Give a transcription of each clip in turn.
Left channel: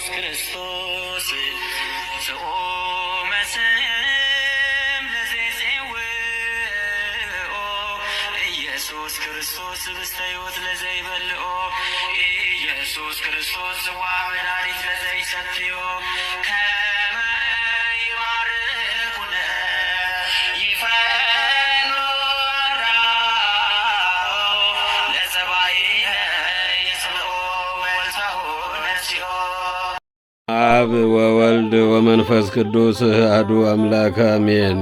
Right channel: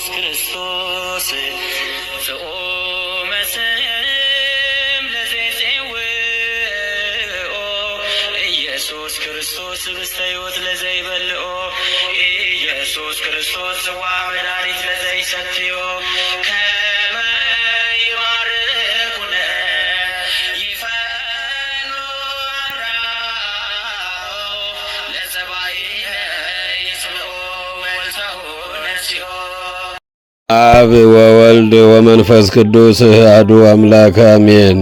ኢየሱስ ክርስቶስ ዘኦመ ስም ለዘይጼውኦ ኢየሱስ ክርስቶስ ህብስተ ሕይወት ለዘይበልዖ ኢየሱስ ክርስቶስ ጽዋ መድኃኒት ለዘይሰትዮ ከመ ይባርኩነ ይፈኑ አራው ለጸባኢነ ይጽምዑ ወልተሁ ነሲኦ። አብ ወወልድ ወመንፈስ ቅዱስ አሐዱ አምላክ አሜን።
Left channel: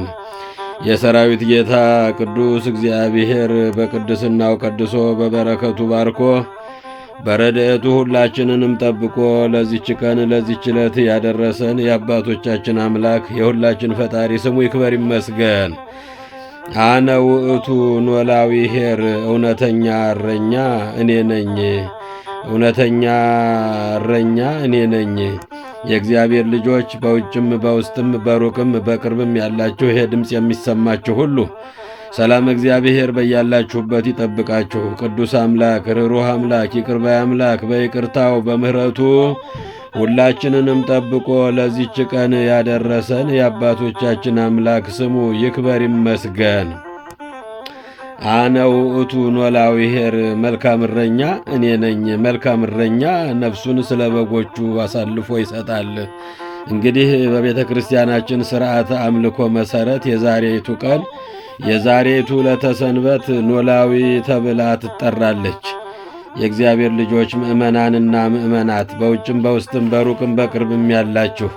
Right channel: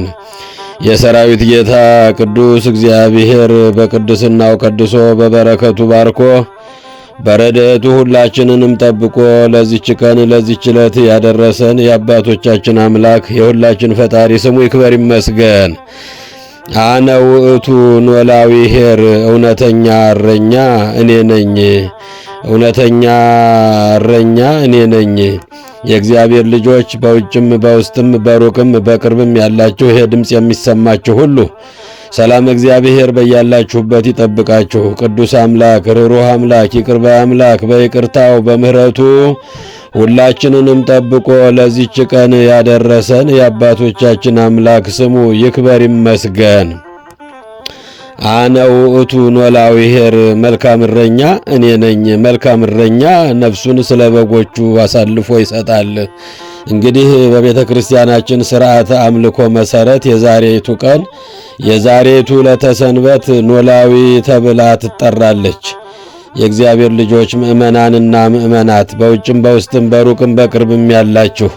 የሰራዊት ጌታ ቅዱስ እግዚአብሔር በቅድስናው ቀድሶ በበረከቱ ባርኮ በረድኤቱ ሁላችንንም ጠብቆ ለዚች ቀን ለዚች ዕለት ያደረሰን የአባቶቻችን አምላክ የሁላችን ፈጣሪ ስሙ ይክበር ይመስገን። አነ ውእቱ ኖላዊ ኄር፣ እውነተኛ እረኛ እኔ ነኝ። እውነተኛ እረኛ እኔ ነኝ። የእግዚአብሔር ልጆች በውጭም በውስጥም በሩቅም በቅርብም ያላችሁ ይሄ ድምፅ የሚሰማችሁ ሁሉ ሰላም እግዚአብሔር በያላችሁበት ይጠብቃችሁ። ቅዱስ አምላክ፣ ርኅሩህ አምላክ፣ ይቅር ባይ አምላክ በይቅርታው በምሕረቱ ሁላችንንም ጠብቆ ለዚች ቀን ያደረሰን የአባቶቻችን አምላክ ስሙ ይክበር ይመስገን። አነ ውእቱ ኖላዊ ኄር፣ መልካም እረኛ እኔ ነኝ። መልካም እረኛ ነፍሱን ስለ በጎቹ አሳልፎ ይሰጣል። እንግዲህ በቤተ ክርስቲያናችን ሥርዓተ አምልኮ መሠረት የዛሬቱ ቀን የዛሬቱ ዕለተ ሰንበት ኖላዊ ተብላ ትጠራለች። የእግዚአብሔር ልጆች ምእመናንና ምእመናት በውጭም በውስጥም በሩቅም በቅርብም ያላችሁ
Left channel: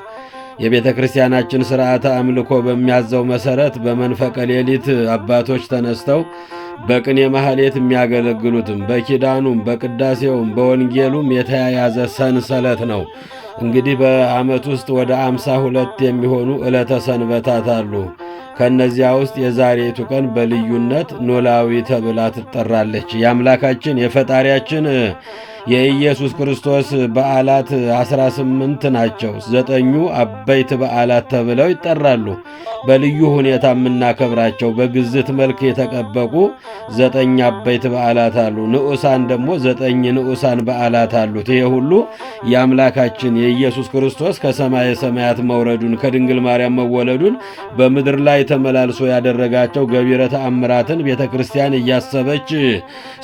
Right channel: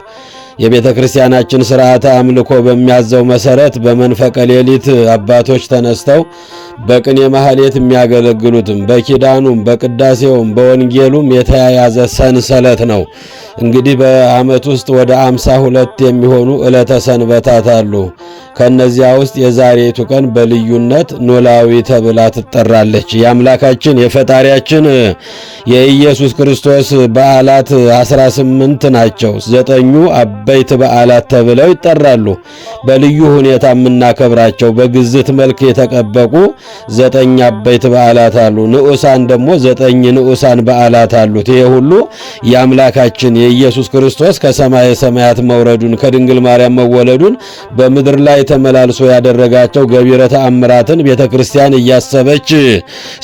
የቤተ ክርስቲያናችን ሥርዓተ አምልኮ በሚያዘው መሠረት በመንፈቀ ሌሊት አባቶች ተነስተው በቅኔ ማህሌት የሚያገለግሉትም በኪዳኑም በቅዳሴውም በወንጌሉም የተያያዘ ሰንሰለት ነው። እንግዲህ በዓመት ውስጥ ወደ 52 የሚሆኑ ዕለተ ሰንበታት አሉ። ከነዚያ ውስጥ የዛሬቱ ቀን በልዩነት ኖላዊ ተብላ ትጠራለች። የአምላካችን የፈጣሪያችን የኢየሱስ ክርስቶስ በዓላት 18 ናቸው። 9ኙ አበይት በዓላት ተብለው ይጠራሉ። በልዩ ሁኔታ የምናከብራቸው በግዝት መልክ የተቀበቁ 9 አበይት በዓላት አሉ። ንዑሳን ደግሞ 9 ንዑሳን በዓላት አሉት። ይሄ ሁሉ የአምላካችን የኢየሱስ ክርስቶስ ከሰማየ ሰማያት መውረዱን ከድንግል ማርያም መወለዱን በምድር ላይ ተመላልሶ ያደረጋቸው ገቢረ ተአምራትን ቤተ ክርስቲያን እያሰበች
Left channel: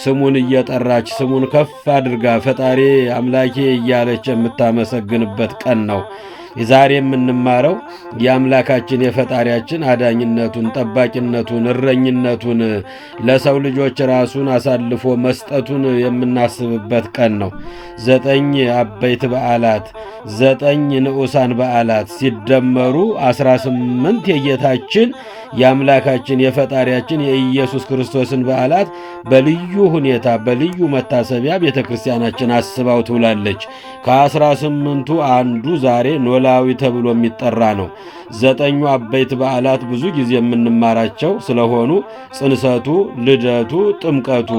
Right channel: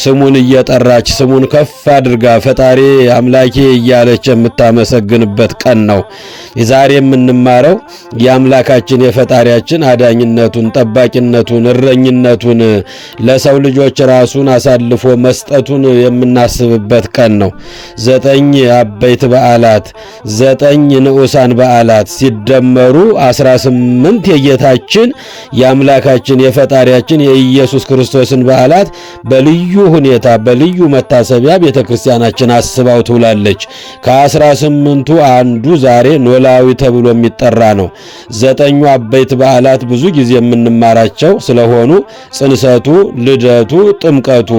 ስሙን እየጠራች ስሙን ከፍ አድርጋ ፈጣሪ አምላኬ እያለች የምታመሰግንበት ቀን ነው። ዛሬ የምንማረው የአምላካችን የፈጣሪያችን አዳኝነቱን፣ ጠባቂነቱን፣ እረኝነቱን ለሰው ልጆች ራሱን አሳልፎ መስጠቱን የምናስብበት ቀን ነው። 9 አበይት በዓላት 9 ንዑሳን በዓላት ሲደመሩ 18 የጌታችን የአምላካችን የፈጣሪያችን የኢየሱስ ክርስቶስን በዓላት በልዩ ሁኔታ በልዩ መታሰቢያ ቤተ ክርስቲያናችን አስባው ትውላለች። ከ18ቱ አንዱ ዛሬ ኖላዊ ተብሎ የሚጠራ ነው። 9ኙ አበይት በዓላት ብዙ ጊዜ የምንማራቸው ስለሆኑ ጽንሰቱ፣ ልደቱ፣ ጥምቀቱ፣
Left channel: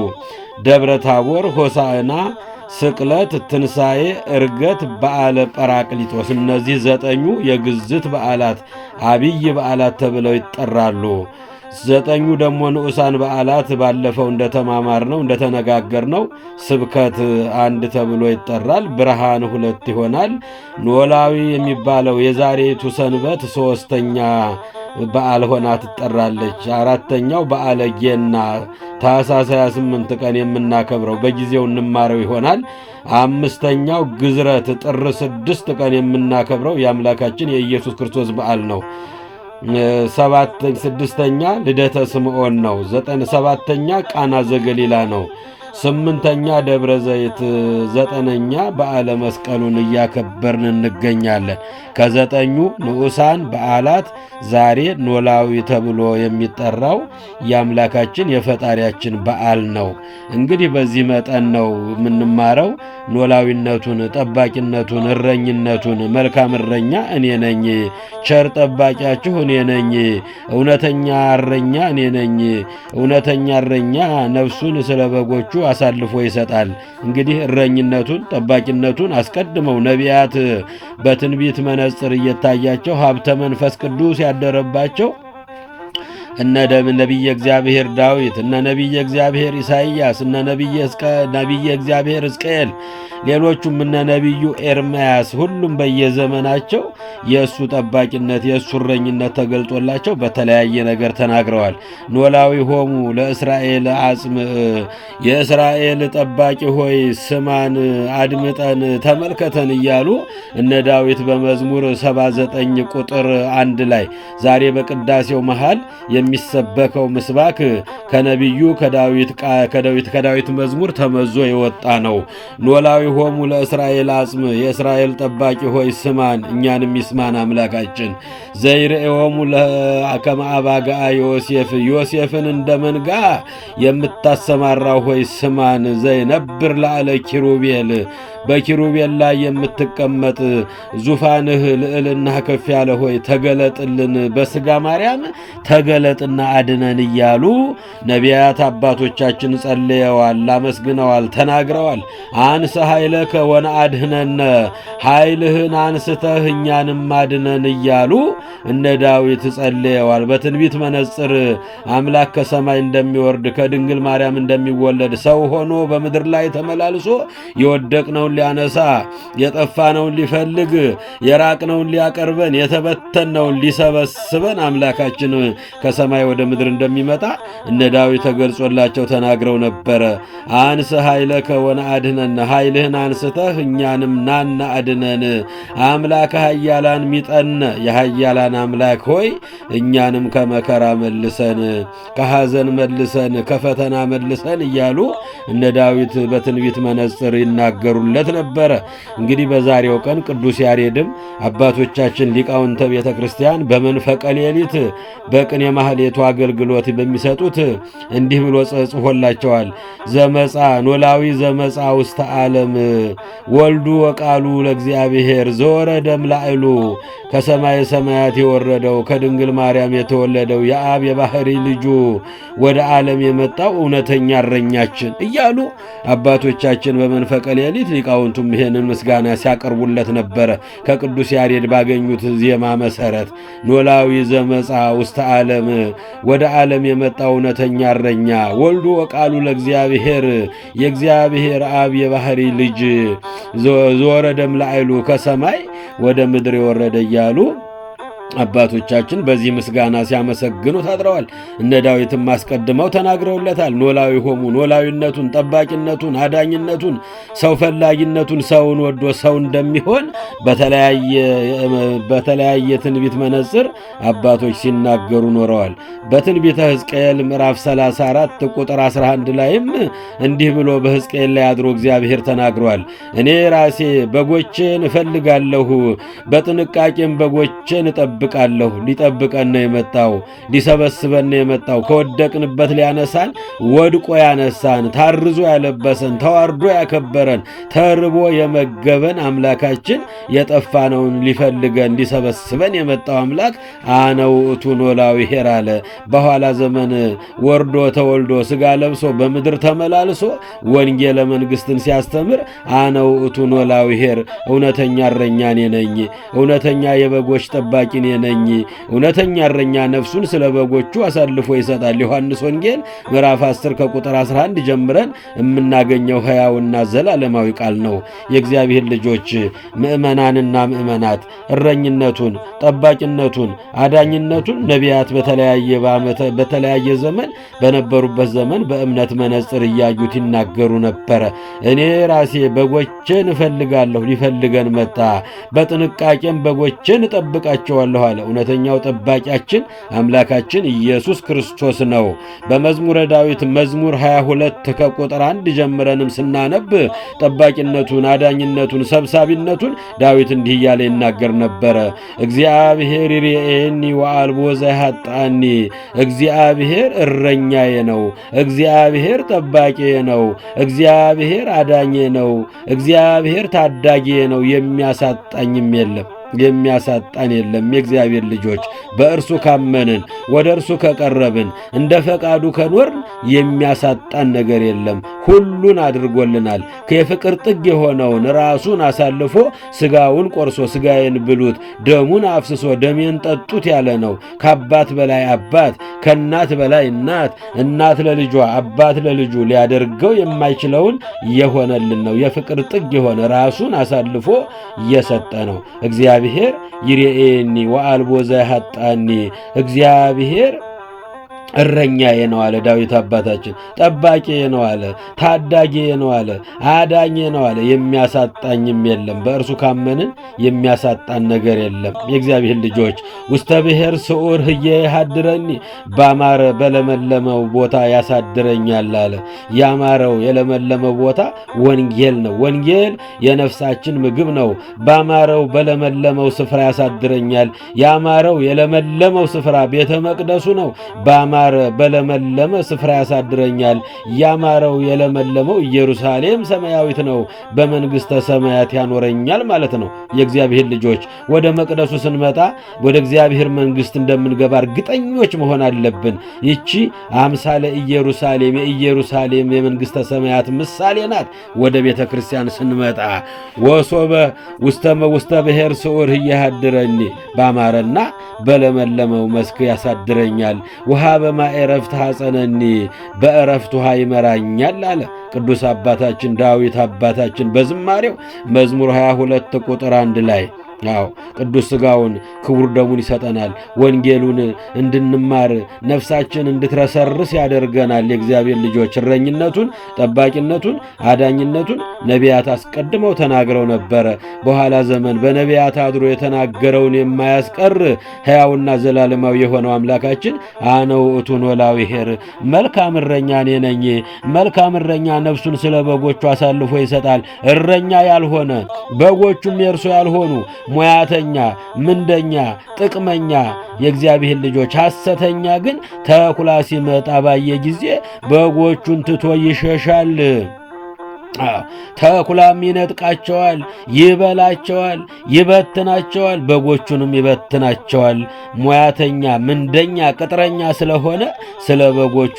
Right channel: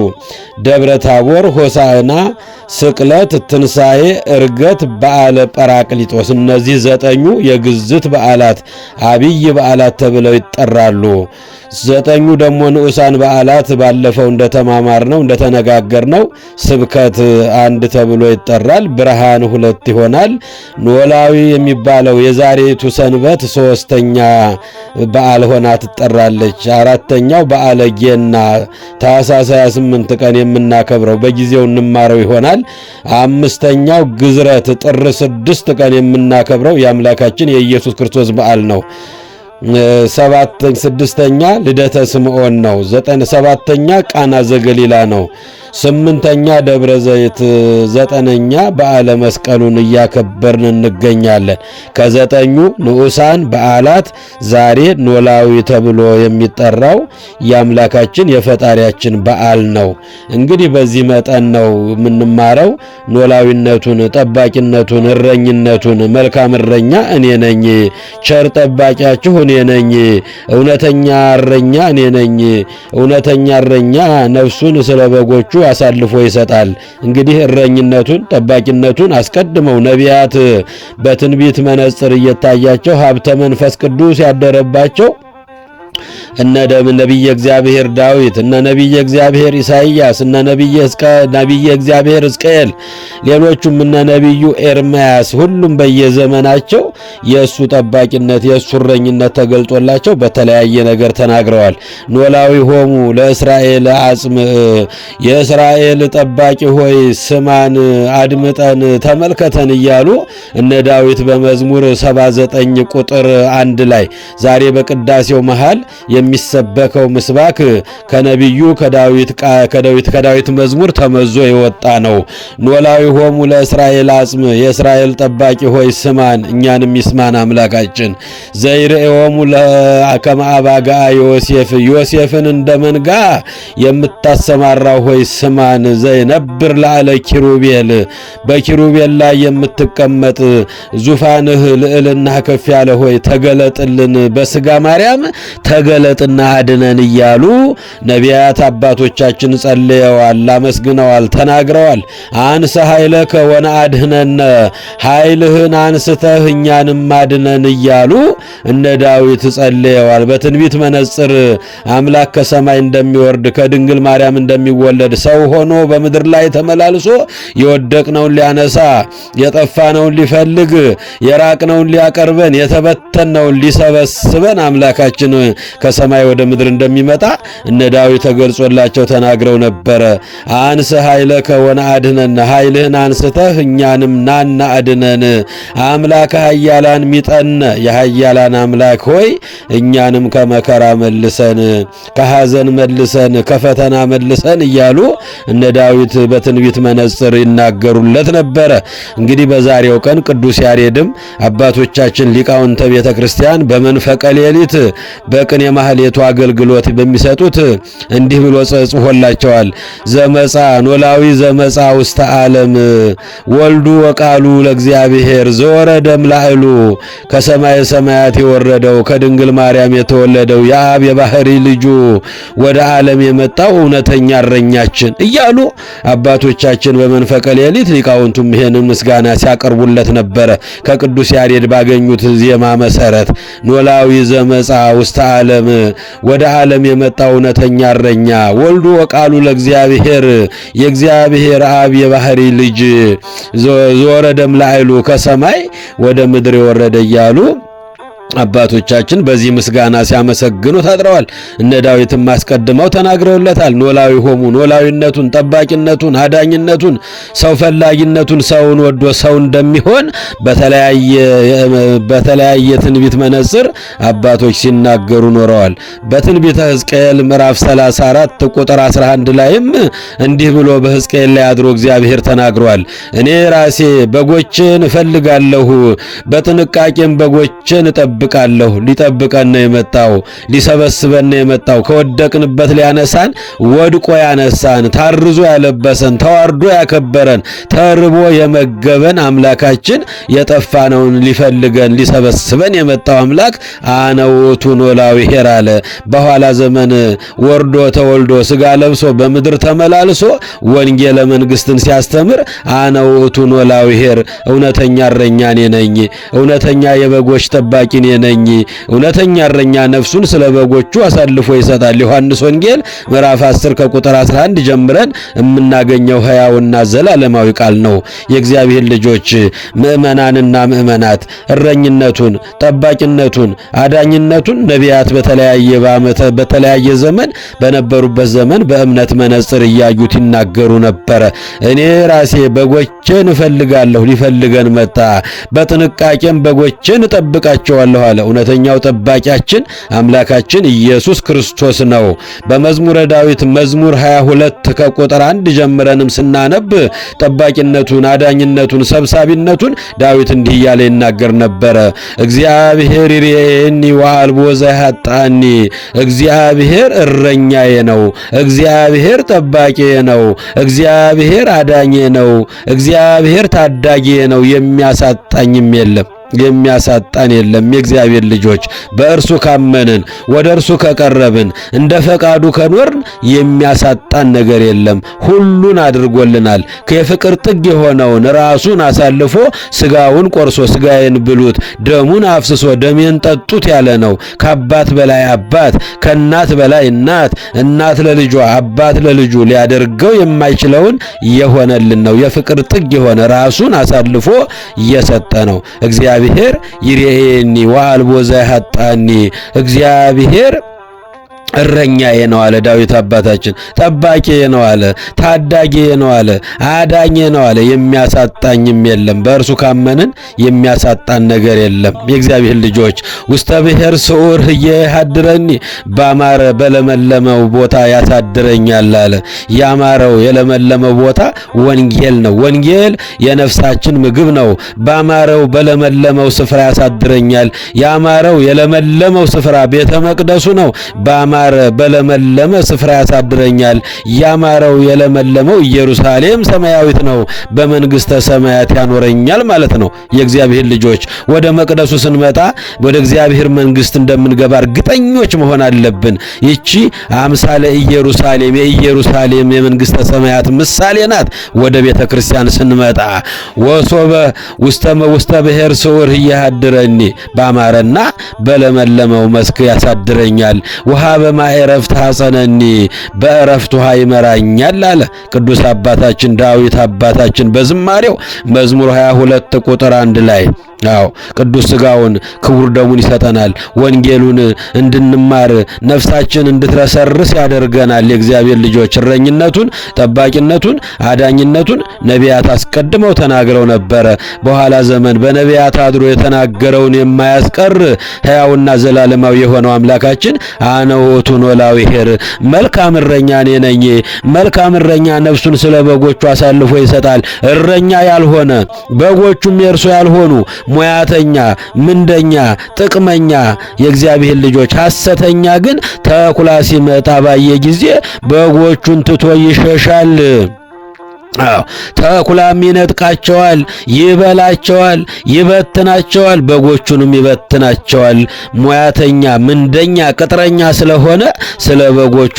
ደብረ ታቦር፣ ሆሳዕና፣ ስቅለት፣ ትንሣኤ፣ ዕርገት፣ በዓለ ጰራቅሊጦስ እነዚህ 9ኙ የግዝት በዓላት አብይ በዓላት ተብለው ይጠራሉ። 9ኙ ደግሞ ንዑሳን በዓላት ባለፈው እንደተማማርነው እንደተነጋገርነው ስብከት 1 ተብሎ ይጠራል። ብርሃን 2 ይሆናል። ኖላዊ የሚባለው የዛሬቱ ሰንበት 3ኛ በዓል ሆና ትጠራለች። 4ኛው በዓለ ጌና ታኅሳስ 28 ቀን የምናከብረው በጊዜው እንማረው ይሆናል። 5ኛው ግዝረት ጥር 6 ቀን የምናከብረው የአምላካችን የኢየሱስ ክርስቶስ በዓል ነው። 6ኛ ልደተ ስምዖን ነው። 7ኛ ቃና ዘገሊላ ነው። 8ኛ ደብረ ዘይት፣ 9ኛ በዓለ መስቀሉን እያከበርን እንገኛለን። ከ9ኙ ንዑሳን በዓላት ዛሬ ኖላዊ ተብሎ የሚጠራው የአምላካችን የፈጣሪያችን በዓል ነው። እንግዲህ በዚህ መጠን ነው የምንማረው ኖላዊነቱን፣ ጠባቂነቱን፣ እረኝነቱን። መልካም እረኛ እኔ ነኝ፣ ቸር ጠባቂያችሁ እኔ ነኝ፣ እውነተኛ እረኛ እኔ ነኝ። እውነተኛ እረኛ ነፍሱን ስለ በጎቹ አሳልፎ ይሰጣል። እንግዲህ እረኝነቱን ጠባቂነቱን አስቀድመው ነቢያት በትንቢት መነጽር እየታያቸው ሀብተ መንፈስ ቅዱስ ያደረባቸው እነ ነቢየ እግዚአብሔር ዳዊት፣ እነ ነቢየ እግዚአብሔር ኢሳይያስ፣ እነ ነቢየ እግዚአብሔር ሕዝቅኤል፣ ሌሎቹም እነ ነቢዩ ኤርምያስ ሁሉም በየዘመናቸው የእሱ ጠባቂነት የእሱ እረኝነት ተገልጦላቸው በተለያየ ነገር ተናግረዋል። ኖላዊ ሆሙ ለእስራኤል አጽም፣ የእስራኤል ጠባቂ ሆይ ስማን፣ አድምጠን፣ ተመልከተን እያሉ እነ ዳዊት በመዝሙር 79 ቁጥር 1 ላይ ዛሬ በቅዳሴው መሃል የሚሰበከው ምስባክ ከነቢዩ ከዳዊት መዝሙር ተመዞ የወጣ ነው። ኖላዊ ሆሙ ለእስራኤል አጽም፣ የእስራኤል ጠባቂ ሆይ ስማን፣ እኛንም ይስማን አምላካችን። ዘይርእዮሙ ከመ አባግዓ ዮሴፍ፣ ዮሴፍን እንደ መንጋ የምታሰማራው ሆይ ስማን። ዘይነብር ላዕለ ኪሩቤል፣ በኪሩቤል ላይ የምትቀመጥ ዙፋንህ ልዕልና ከፍ ያለ ሆይ ተገለጥልን፣ በሥጋ ማርያም ተገለጥና አድነን እያሉ ነቢያት አባቶቻችን ጸልየዋል፣ አመስግነዋል፣ ተናግረዋል። አንሰ ኃይለከ ወነአድኅነነ፣ ኃይልህን አንስተህ እኛንም አድነን እያሉ እነ ዳዊት ጸልየዋል። በትንቢት መነጽር አምላክ ከሰማይ እንደሚወርድ ከድንግል ማርያም እንደሚወለድ ሰው ሆኖ በምድር ላይ ተመላልሶ የወደቅነውን ሊያነሳ፣ የጠፋነውን ሊፈልግ፣ የራቅነውን ሊያቀርበን፣ የተበተነውን ሊሰበስበን አምላካችን ከሰማይ ወደ ምድር እንደሚመጣ እነ ዳዊት ተገልጾላቸው ተናግረው ነበረ። አንሰ ኃይለከ ወነአድኅነነ፣ ኃይልህን አንስተህ እኛንም ናና አድነን። አምላከ ኃያላን ሚጠነ፣ የኃያላን አምላክ ሆይ እኛንም ከመከራ መልሰን፣ ከሐዘን መልሰን፣ ከፈተና መልሰን እያሉ እነ ዳዊት በትንቢት መነጽር ይናገሩለት ነበረ። እንግዲህ በዛሬው ቀን ቅዱስ ያሬድም አባቶቻችን ሊቃውንተ ቤተ ክርስቲያን በመንፈቀ ሌሊት በቅኔ ማህሌቱ አገልግሎት በሚሰጡት እንዲህ ብሎ ጽፎላቸዋል። ዘመጻ ኖላዊ ዘመጻ ውስተ ዓለም ወልዱ ወቃሉ ለእግዚአብሔር ዘወረደ እምላዕሉ፣ ከሰማየ ሰማያት የወረደው ከድንግል ማርያም የተወለደው የአብ የባህሪ ልጁ ወደ ዓለም የመጣው እውነተኛ እረኛችን እያሉ አባቶቻችን በመንፈቀ ሌሊት ሊቃውንቱም ይሄን ምስጋና ሲያቀርቡለት ነበረ። ከቅዱስ ያሬድ ባገኙት ዜማ መሰረት ኖላዊ ዘመጻ ውስተ ዓለም፣ ወደ ዓለም የመጣው እውነተኛ እረኛ፣ ወልዱ ወቃሉ ለእግዚአብሔር፣ የእግዚአብሔር አብ የባህሪ ልጅ፣ ዘወረደ እምላዕሉ፣ ከሰማይ ወደ ምድር የወረደ እያሉ አባቶቻችን በዚህ ምስጋና ሲያመሰግኑ ታጥረዋል። እነ ዳዊትም አስቀድመው ተናግረውለታል። ኖላዊ ሆሙ፣ ኖላዊነቱን፣ ጠባቂነቱን፣ አዳኝነቱን፣ ሰው ፈላጊነቱን፣ ሰውን ወዶ ሰው እንደሚሆን በተለያየ ትንቢት መነጽር አባቶች ሲናገሩ ኖረዋል። በትንቢተ ሕዝቅኤል ምዕራፍ 34 ቁጥር 11 ላይም እንዲህ ብሎ በሕዝቅኤል ላይ አድሮ እግዚአብሔር ተናግሯል። እኔ ራሴ በጎቼን እፈልጋለሁ፣ በጥንቃቄም በጎቼን እጠብቃለሁ። ሊጠብቀን ነው የመጣው፣ ሊሰበስበን ነው የመጣው። ከወደቅንበት ሊያነሳን፣ ወድቆ ያነሳን፣ ታርዞ ያለበሰን፣ ተዋርዶ ያከበረን፣ ተርቦ የመገበን አምላካችን የጠፋነውን ሊፈልገን ሊሰበስበን የመጣው አምላክ አነ ውእቱ ኖላዊ ኄር አለ። በኋላ ዘመን ወርዶ ተወልዶ ሥጋ ለብሶ በምድር ተመላልሶ ወንጌለ መንግሥትን ሲያስተምር አነ ውእቱ ኖላዊ ኄር፣ እውነተኛ እረኛ እኔ ነኝ፣ እውነተኛ የበጎች ጠባቂ እኔ ነኝ፣ እውነተኛ እረኛ ነፍሱን ስለ በጎቹ አሳልፎ ይሰጣል። ዮሐንስ ወንጌል ምዕራፍ 10 ከቁጥር 11 ጀምረን የምናገኘው ሕያውና ዘላለማዊ ቃል ነው። የእግዚአብሔር ልጆች ምእመናንና ምእመናት እረኝነቱን፣ ጠባቂነቱን፣ አዳኝነቱን ነቢያት በተለያየ ዘመን በነበሩበት ዘመን በእምነት መነጽር እያዩት ይናገሩ ነበረ። እኔ ራሴ በጎቼን እፈልጋለሁ፣ ሊፈልገን መጣ፣ በጥንቃቄም በጎቼን እጠብቃቸዋለሁ አለ። እውነተኛው ጠባቂያችን አምላካችን ኢየሱስ ክርስቶስ ነው። በመዝሙረ ዳዊት መዝሙር 22 ከቁጥር 1 ጀምረንም ስናነብ ጠባቂነቱን፣ አዳኝነቱን፣ ሰብሳቢነቱን ዳዊት እንዲህ እያለ ይናገር ነበረ። እግዚአብሔር ይሬኒ ወአልቦ ዘያጣኒ፣ እግዚአብሔር እረኛዬ ነው፣ እግዚአብሔር ጠባቂዬ ነው፣ እግዚአብሔር አዳኜ ነው፣ እግዚአብሔር ታዳጊዬ ነው፣ የሚያሳጣኝም የለም የሚያሳጣን የለም። የእግዚአብሔር ልጆች በእርሱ ካመንን ወደ እርሱ ከቀረብን እንደ ፈቃዱ ከኖርን የሚያሳጣን ነገር የለም። ሁሉን አድርጎልናል። ከፍቅር ጥግ የሆነውን ራሱን አሳልፎ ስጋውን ቆርሶ ስጋዬን ብሉት ደሙን አፍስሶ ደሜን ጠጡት ያለ ነው። ከአባት በላይ አባት፣ ከእናት በላይ እናት፣ እናት ለልጇ አባት ለልጁ ሊያደርገው የማይችለውን የሆነልን ነው። የፍቅር ጥግ የሆነ ራሱን አሳልፎ የሰጠ ነው። እግዚአብሔር ይሬኒ ወአልቦ ዘያሳጣኒ እግዚአብሔር እረኛዬ ነው አለ ዳዊት አባታችን። ጠባቂዬ ነው አለ፣ ታዳጊዬ ነው አለ፣ አዳኜ ነው አለ። የሚያሳጣኝም የለም። በእርሱ ካመንን የሚያሳጣን ነገር የለም። የእግዚአብሔር ልጆች ውስተ ብሔር ስዑር ህየ ያድረኒ ባማረ በለመለመው ቦታ ያሳድረኛል አለ። ያማረው የለመለመው ቦታ ወንጌል ነው። ወንጌል የነፍሳችን ምግብ ነው። ባማረው በለመለመው ስፍራ ያሳድረኛል። ያማረው የለመለመው ስፍራ ቤተ መቅደሱ ነው። በለመለመ ስፍራ ያሳድረኛል። ያማረው የለመለመው ኢየሩሳሌም ሰማያዊት ነው። በመንግስተ ሰማያት ያኖረኛል ማለት ነው። የእግዚአብሔር ልጆች ወደ መቅደሱ ስንመጣ ወደ እግዚአብሔር መንግስት እንደምንገባ እርግጠኞች መሆን አለብን። ይቺ አምሳለ ኢየሩሳሌም የኢየሩሳሌም የመንግስተ ሰማያት ምሳሌ ናት። ወደ ቤተ ክርስቲያን ስንመጣ ወሶበ ውስተ ብሔር ስዑር ያድረኒ ባማረና በለመለመው መስክ ያሳድረኛል። ውሃ በማዕረፍት ሐፀነኒ በእረፍት ውሃ ይመራኛል አለ ቅዱስ አባታችን ዳዊት አባታችን በዝማሬው መዝሙር 22 ቁጥር 1 ላይ። አዎ ቅዱስ ሥጋውን ክቡር ደሙን ይሰጠናል። ወንጌሉን እንድንማር ነፍሳችን እንድትረሰርስ ያደርገናል። የእግዚአብሔር ልጆች እረኝነቱን፣ ጠባቂነቱን፣ አዳኝነቱን ነቢያት አስቀድመው ተናግረው ነበረ። በኋላ ዘመን በነቢያት አድሮ የተናገረውን የማያስቀር ሕያውና ዘላለማዊ የሆነው አምላካችን አነ ውእቱ ኖላዊ ኄር መልካም እረኛ እኔ ነኝ። መልካም እረኛ ነፍሱን ስለ በጎቹ አሳልፎ ይሰጣል። እረኛ ያልሆነ በጎቹም የእርሱ ያልሆኑ ሙያተኛ፣ ምንደኛ፣ ጥቅመኛ የእግዚአብሔር ልጆች ሐሰተኛ ግን ተኩላ ሲመጣ ባየ ጊዜ በጎቹን ትቶ ይሸሻል። ተኩላም ይነጥቃቸዋል፣ ይበላቸዋል፣ ይበትናቸዋል፣ በጎቹንም ይበትናቸዋል። ሙያተኛ፣ ምንደኛ፣ ቅጥረኛ ስለሆነ ስለ በጎቹ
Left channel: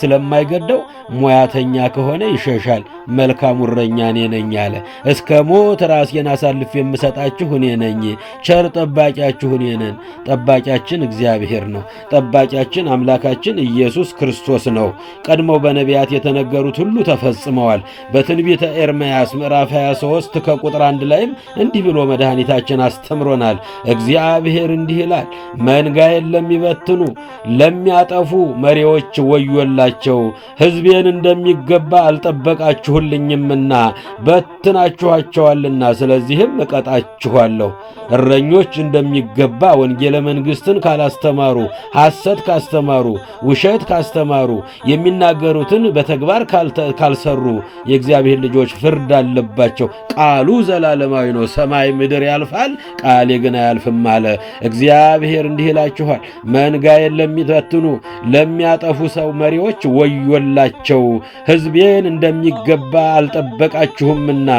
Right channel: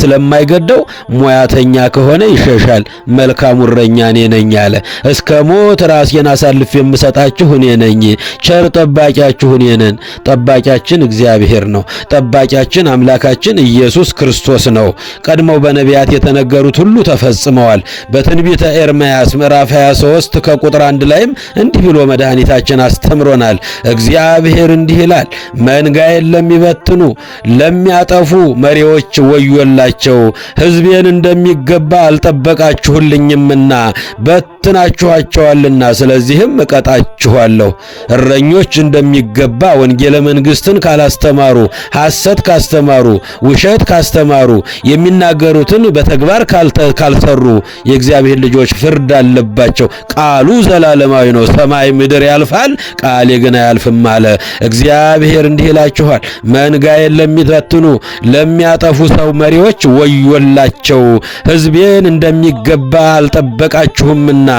ስለማይገደው ሙያተኛ ከሆነ ይሸሻል። መልካሙ እረኛ እኔ ነኝ አለ። እስከ ሞት ራሴን አሳልፌ የምሰጣችሁ እኔ ነኝ። ቸር ጠባቂያችሁ እኔ ነኝ። ጠባቂያችን እግዚአብሔር ነው። ጠባቂያችን አምላካችን ኢየሱስ ክርስቶስ ነው። ቀድሞ በነቢያት የተነገሩት ሁሉ ተፈጽመዋል። በትንቢተ ኤርምያስ ምዕራፍ 23 ከቁጥር 1 ላይም እንዲህ ብሎ መድኃኒታችን አስተምሮናል። እግዚአብሔር እንዲህ ይላል፣ መንጋዬን ለሚበትኑ ለሚያጠፉ መሪዎች ወዮላቸው። ሕዝቤን እንደሚገባ አልጠበቃችሁልኝምና በትናችኋቸዋልና፣ ስለዚህም እቀጣችኋለሁ። እረኞች እንደሚገባ ወንጌለ መንግሥትን ካላስተማሩ፣ ሐሰት ካስተማሩ፣ ውሸት ካስተማሩ፣ የሚናገሩትን በተግባር ካልሰሩ የእግዚአብሔር ልጆች ፍርድ አለባቸው። ቃሉ ዘላለማዊ ነው። ሰማይ ምድር ያልፋል፣ ቃሌ ግን አያልፍም አለ። እግዚአብሔር እንዲህ ይላችኋል፣ መንጋዬን ለሚበትኑ ለሚያጠፉ ሰው መሪዎች ወዮላቸው። ሕዝቤን እንደሚገባ አልጠበቃችሁምና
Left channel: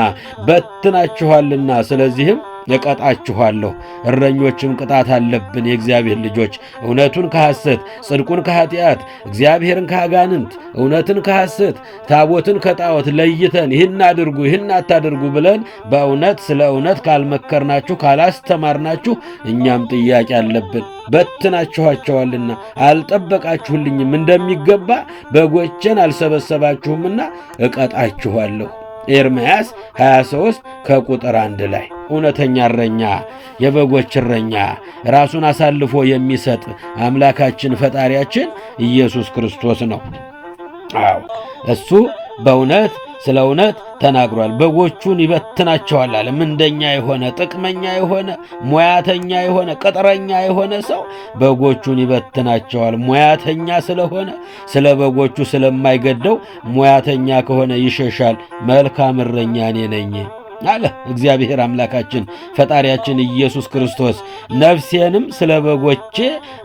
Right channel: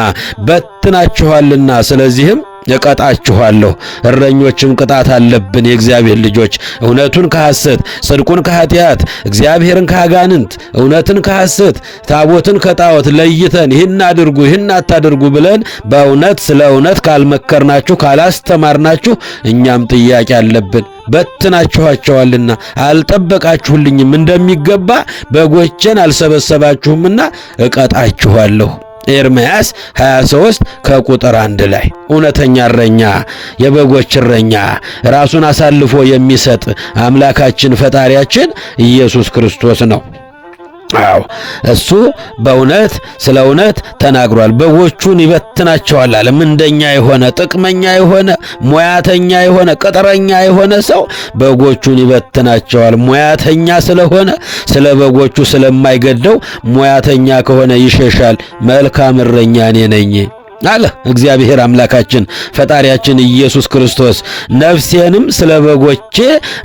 በትናችኋልና፣ ስለዚህም እቀጣችኋለሁ። እረኞችም ቅጣት አለብን። የእግዚአብሔር ልጆች እውነቱን ከሐሰት፣ ጽድቁን ከኃጢአት፣ እግዚአብሔርን ከአጋንንት፣ እውነትን ከሐሰት፣ ታቦትን ከጣዖት ለይተን ይህን አድርጉ ይህን አታድርጉ ብለን በእውነት ስለ እውነት ካልመከርናችሁ ካላስተማርናችሁ እኛም ጥያቄ አለብን። በትናችኋቸዋልና አልጠበቃችሁልኝም፣ እንደሚገባ በጎቼን አልሰበሰባችሁምና እቀጣችኋለሁ። ኤርምያስ 23 ከቁጥር 1 ላይ እውነተኛ እረኛ፣ የበጎች እረኛ፣ ራሱን አሳልፎ የሚሰጥ አምላካችን ፈጣሪያችን ኢየሱስ ክርስቶስ ነው። አዎ እሱ በእውነት ስለ እውነት ተናግሯል። በጎቹን ይበትናቸዋል አለ። ምንደኛ የሆነ ጥቅመኛ የሆነ ሙያተኛ የሆነ ቅጥረኛ የሆነ ሰው በጎቹን ይበትናቸዋል። ሙያተኛ ስለሆነ ስለ በጎቹ ስለማይገደው ሙያተኛ ከሆነ ይሸሻል። መልካም እረኛ እኔ ነኝ አለ እግዚአብሔር አምላካችን ፈጣሪያችን ኢየሱስ ክርስቶስ። ነፍሴንም ስለ በጎቼ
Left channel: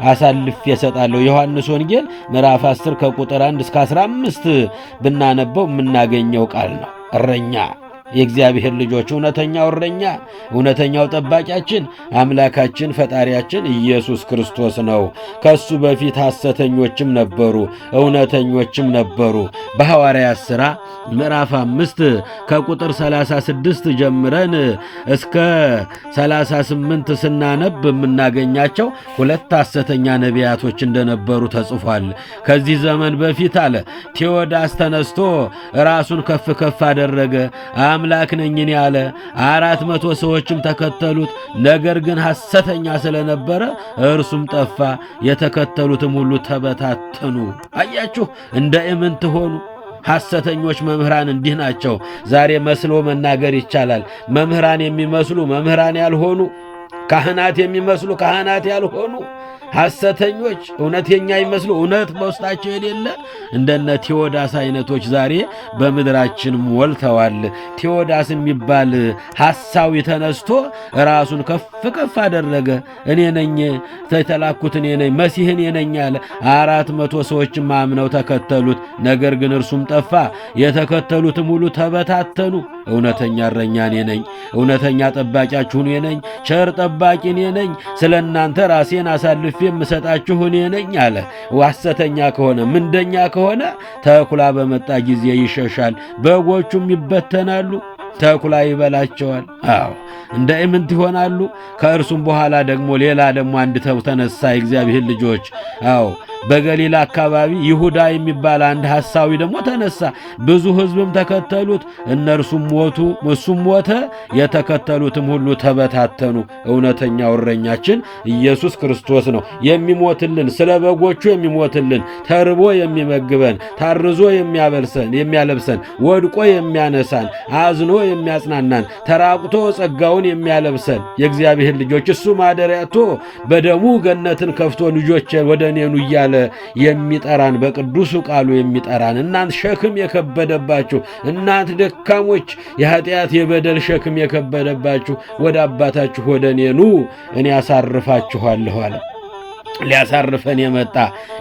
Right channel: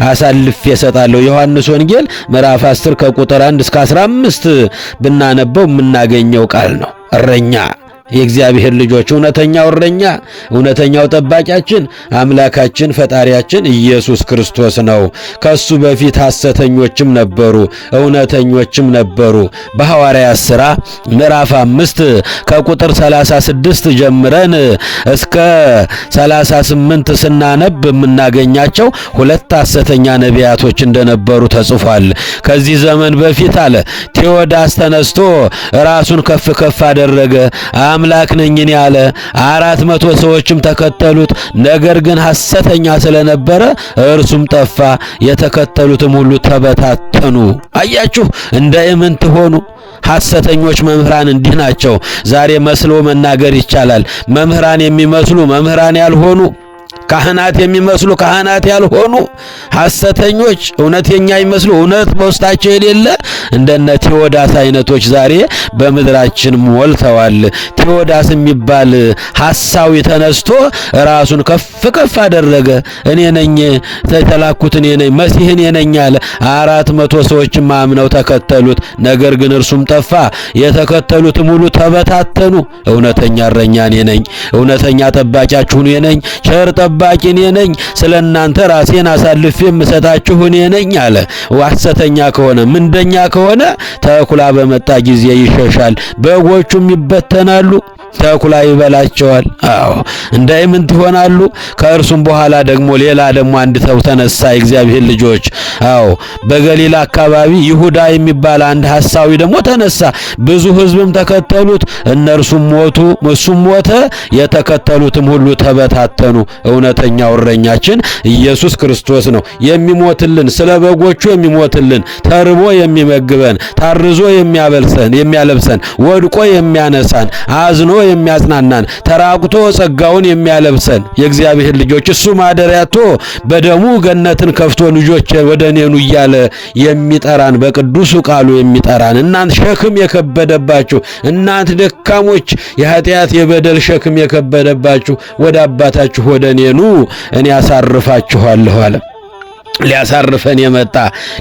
አሳልፌ እሰጣለሁ። ዮሐንስ ወንጌል ምዕራፍ 10 ከቁጥር 1 እስከ 15 ብናነበው የምናገኘው ቃል ነው። እረኛ የእግዚአብሔር ልጆች እውነተኛው እረኛ እውነተኛው ጠባቂያችን አምላካችን ፈጣሪያችን ኢየሱስ ክርስቶስ ነው። ከሱ በፊት ሐሰተኞችም ነበሩ፣ እውነተኞችም ነበሩ። በሐዋርያት ሥራ ምዕራፍ 5 ከቁጥር 36 ጀምረን እስከ 38 ስናነብ የምናገኛቸው ሁለት ሐሰተኛ ነቢያቶች እንደነበሩ ተጽፏል። ከዚህ ዘመን በፊት አለ ቴዎዳስ ተነስቶ ራሱን ከፍ ከፍ አደረገ። አምላክ ነኝ እኔ አለ። 400 ሰዎችም ተከተሉት። ነገር ግን ሐሰተኛ ስለነበረ እርሱም ጠፋ፣ የተከተሉትም ሁሉ ተበታተኑ። አያችሁ፣ እንደ ኢምንት ሆኑ። ሐሰተኞች መምህራን እንዲህ ናቸው። ዛሬ መስሎ መናገር ይቻላል። መምህራን የሚመስሉ መምህራን ያልሆኑ፣ ካህናት የሚመስሉ ካህናት ያልሆኑ ሐሰተኞች፣ እውነተኛ ይመስሉ እውነት በውስጣቸው የሌለ እንደነ ቴዎዳስ አይነቶች ዛሬ በምድራችን ሞልተዋል። ቴዎዳስ የሚባል ሐሳዊ ተነስቶ ራሱን ከፍ ከፍ አደረገ። እኔ ነኝ የተላኩት፣ እኔ ነኝ መሲህ፣ እኔ ነኝ አለ። 400 ሰዎችም አምነው ተከተሉት። ነገር ግን እርሱም ጠፋ፣ የተከተሉትም ሁሉ ተበታተኑ። እውነተኛ እረኛ እኔ ነኝ፣ እውነተኛ ጠባቂያችሁ እኔ ነኝ፣ ቸር ጠባቂ እኔ ነኝ፣ ስለ እናንተ ራሴን አሳልፌ የምሰጣችሁ እኔ ነኝ አለ። ሐሰተኛ ከሆነ ምንደኛ ከሆነ ተኩላ በመጣ ጊዜ ይሸሻል፣ በጎቹም ይበተናሉ፣ ተኩላ ይበላቸዋል። አዎ እንደ ኢምንት ይሆናሉ። ከእርሱም በኋላ ደግሞ ሌላ አንድ ሰው ተነሳ። የእግዚአብሔር ልጆች አዎ በገሊላ አካባቢ ይሁዳ የሚባል አንድ ሐሳዊ ደግሞ ተነሳ። ብዙ ሕዝብም ተከተሉት። እነርሱም ሞቱ፣ እሱም ሞተ፣ የተከተሉትም ሁሉ ተበታተኑ። እውነተኛው እረኛችን ኢየሱስ ክርስቶስ ነው። የሚሞትልን ስለ በጎቹ የሚሞትልን፣ ተርቦ የሚመግበን፣ ታርዞ የሚያለብሰን፣ ወድቆ የሚያነሳን፣ አዝኖ የሚያጽናናን፣ ተራቁቶ ጸጋውን የሚያለብሰን የእግዚአብሔር ልጆች እሱ ማደሪያቶ በደሙ ገነትን ከፍቶ ልጆች ወደ እኔ ኑ እያለ የሚጠራን በቅዱሱ ቃሉ የሚጠራን እናንት ሸክም የከበደባችሁ እናንት ደካሞች የኃጢአት የበደል ሸክም የከበደባችሁ ወደ አባታችሁ ወደ እኔ ኑ እኔ አሳርፋችኋለሁ አለ። ሊያሳርፈን የመጣ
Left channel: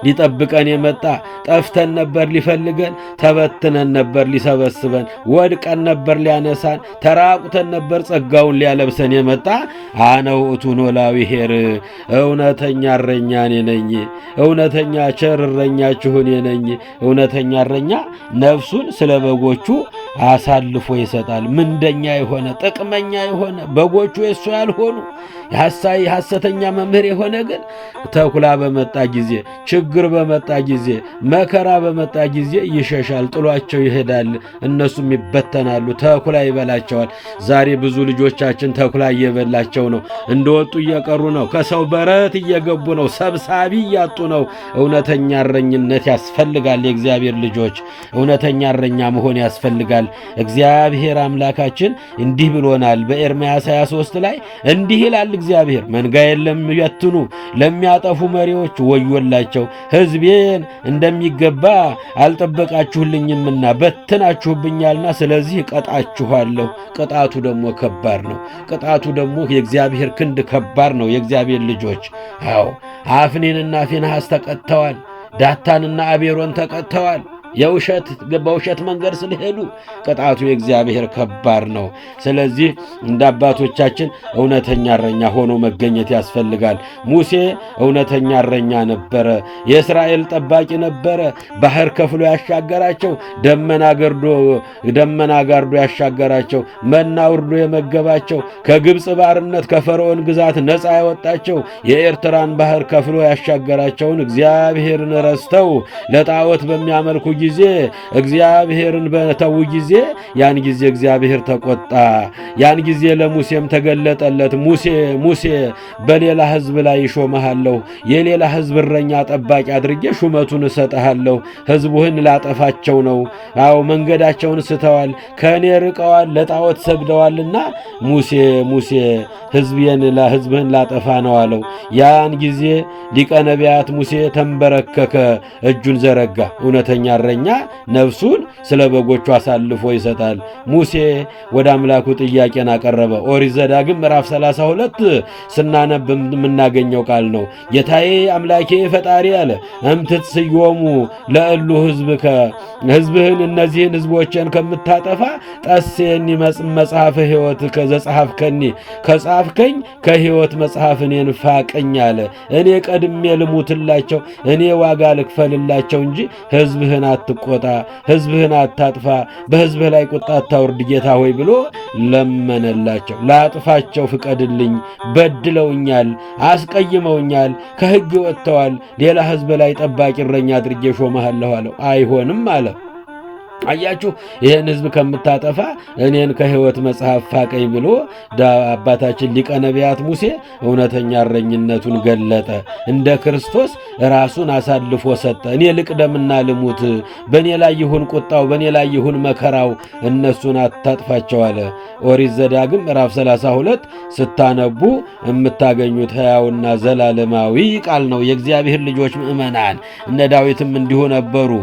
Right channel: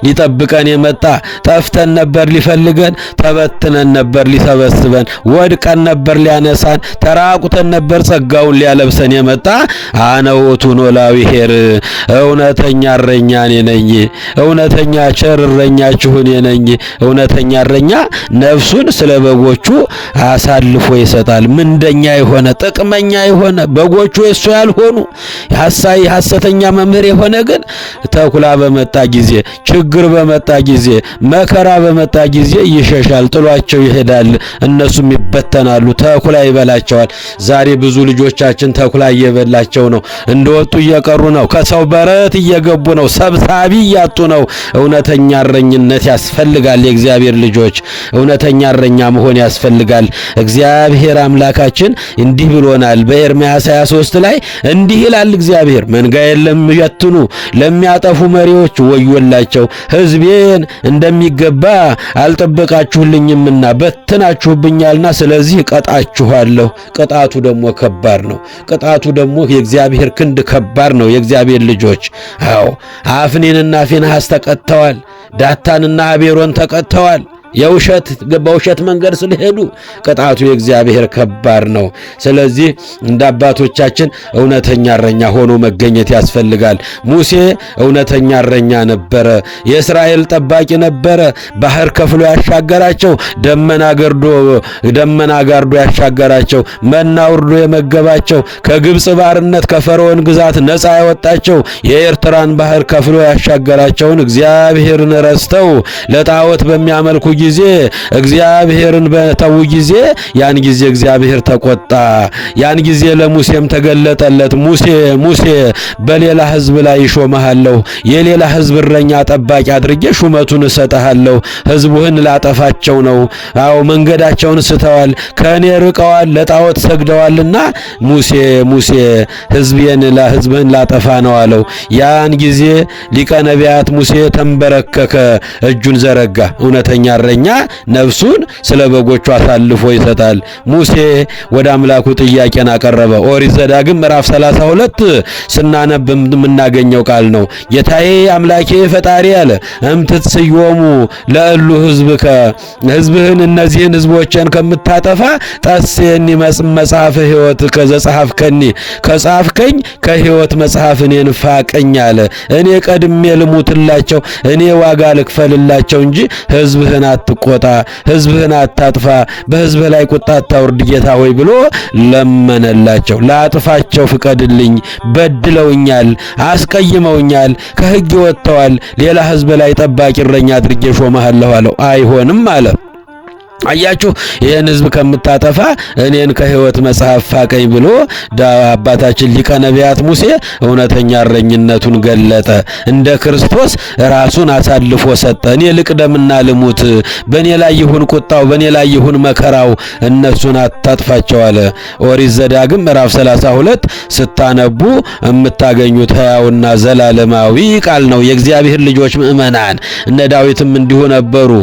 ሊጠብቀን የመጣ ጠፍተን ነበር ሊፈልገን፣ ተበትነን ነበር ሊሰበስበን፣ ወድቀን ነበር ሊያነሳን፣ ተራቁተን ነበር ጸጋውን ሊያለብሰን የመጣ አነ ውእቱ ኖላዊ ኄር እውነተኛ እረኛ እኔ ነኝ፣ እውነተኛ ቸር እረኛችሁ እኔ ነኝ። እውነተኛ እረኛ ነፍሱን ስለ በጎቹ አሳልፎ ይሰጣል። ምንደኛ የሆነ ጥቅመኛ የሆነ በጎቹ የሱ ያልሆኑ ሐሰተኛ መምህር የሆነ ግን ተኩላ በመጣ ጊዜ፣ ችግር በመጣ ጊዜ፣ መከራ በመጣ ጊዜ ይሸሻል፣ ጥሏቸው ይሄዳል። እነሱም ይበተናሉ፣ ተኩላ ይበላቸዋል። ዛሬ ብዙ ልጆቻችን ተኩላ እየበላቸው ነው። እንደወጡ እየቀሩ ነው። ከሰው በረት እየገቡ ነው። ሰብሳቢ እያጡ ነው። እውነተኛ እረኝነት ያስፈልጋል። የእግዚአብሔር ልጆች እውነተኛ እረኛ መሆን ያስፈልጋል። እግዚአብሔር አምላካችን እንዲህ ብሎናል። በኤርምያስ 23 ላይ እንዲህ ይላል እግዚአብሔር መንጋዬን ለሚበትኑ ለሚያጠፉ መሪዎች ወዮላቸው፣ ሕዝቤን እንደሚገባ አልጠበቃችሁልኝምና በትናችሁብኛልና ስለዚህ ቀጣችኋለሁ። ቅጣቱ ደግሞ ከባድ ነው። ቅጣቱ ደግሞ የእግዚአብሔር ክንድ ከባድ ነው። የእግዚአብሔር ልጆች አዎ አፍኒንና ፊንሐስ ተቀጥተዋል። ዳታንና አቤሮን ተቀጥተዋል። በውሸት መንገድ ስለሄዱ ቅጣቱ የእግዚአብሔር ከባድ ነው። ስለዚህ እንደ አባቶቻችን እውነተኛ እረኛ ሆኖ መገኘት ያስፈልጋል። ሙሴ እውነተኛ እረኛ ነበረ። የእስራኤል ጠባቂ ነበረ። ባህር ከፍሎ ያሻገራቸው፣ ደመና ጋርዶ ያሻገራቸው፣ መና ወርዶ የመገባቸው፣ ከግብፅ ባርነት ከፈርዖን ግዛት ነፃ ያወጣቸው፣ የኤርትራን ባህር ከፍሎ ያሻገራቸውን እግዚአብሔርን ረስተው ለጣዖት በሚያመልኩ ጊዜ እግዚአብሔርን በተው ጊዜ ያን ጊዜ እግዚአብሔር ተቆጣ። ያን ጊዜ ለሙሴም ተገለጠለት። ሙሴ በሌላ ሕዝብ ላይ ይሾመሃለሁ፣ የሌላ ሕዝብ እረኛ ጠባቂ አድርጌ ሹመቱን እሰጥሃለሁ። ሕዝቡህን ላጠፋቸው ነው። አዎ መንገዳቸውን ስተዋል፣ ከእኔ ርቀዋል፣ ለጣዖት ሰግደዋልና ሙሴ ሕዝብህን ላጠፋ ነው አለው። ያን ጊዜ ሊቀ ነቢያት ሙሴ ተንበረከከ፣ እጁን ዘረጋ። እውነተኛ እረኛ ነፍሱን ስለ በጎቹ አሳልፎ ይሰጣል። ሙሴ ወደ አምላኩ ጥያቄን አቀረበ። ኦሪት ዘዳግም ምዕራፍ 32 ስናነብ የምናገኘው ቃል ነው። ጌታዬ አምላኬ ፈጣሪ አለ እምትትስዮሙ ለእሉ ሕዝብከ ሕዝብህን እነዚህን ሕዝቦችን ከምታጠፋ ጠሴኒ መጽሐፈ ሕይወት ከዘጸሐፍከኒ ከጻፍከኝ ከሕይወት መጽሐፍ እኔን ፋቀኝ አለ። እኔ ቀድሜ ልሙትላቸው፣ እኔ ዋጋ ልክፈልላቸው እንጂ ሕዝብህን አትቆጣ፣ ሕዝብህን አታጥፋ፣ በሕዝብህ ላይ ቁጣ አታውርድ ጌታ ሆይ ብሎ ለመነላቸው። ላጥፋቸው ፍቀድልኝ፣ በድለውኛል፣ አስቀይመውኛል፣ ከሕግ ወጥተዋል፣ ሌላ ሕዝብ ላይ ጠባቂ እረኛ አድርጌ ሾመሃለሁ አለው። አይሆንም አለ። አያችሁ ይህን ሕዝብ ከምታጠፋ እኔን ከሕይወት መጽሐፍ ፋቀኝ ብሎ አባታችን ሊቀ ነቢያት ሙሴ እውነተኛ እረኝነቱን ገለጠ። እንደ ክርስቶስ ራሱን አሳልፎ ሰጠ። እኔ ልቅደምና ልሙት፣ በእኔ ላይ ይሁን ቁጣው፣ በእኔ ላይ ይሁን መከራው፣ እነሱን አታጥፋቸው አለ። ኦሪት ዘዳግም ምዕራፍ 32 ስታነቡ የምታገኙት ሕያውና ዘላለማዊ ቃል ነው። የእግዚአብሔር ልጆች ምእመናን እነ ዳዊትም እንዲሁ ነበሩ።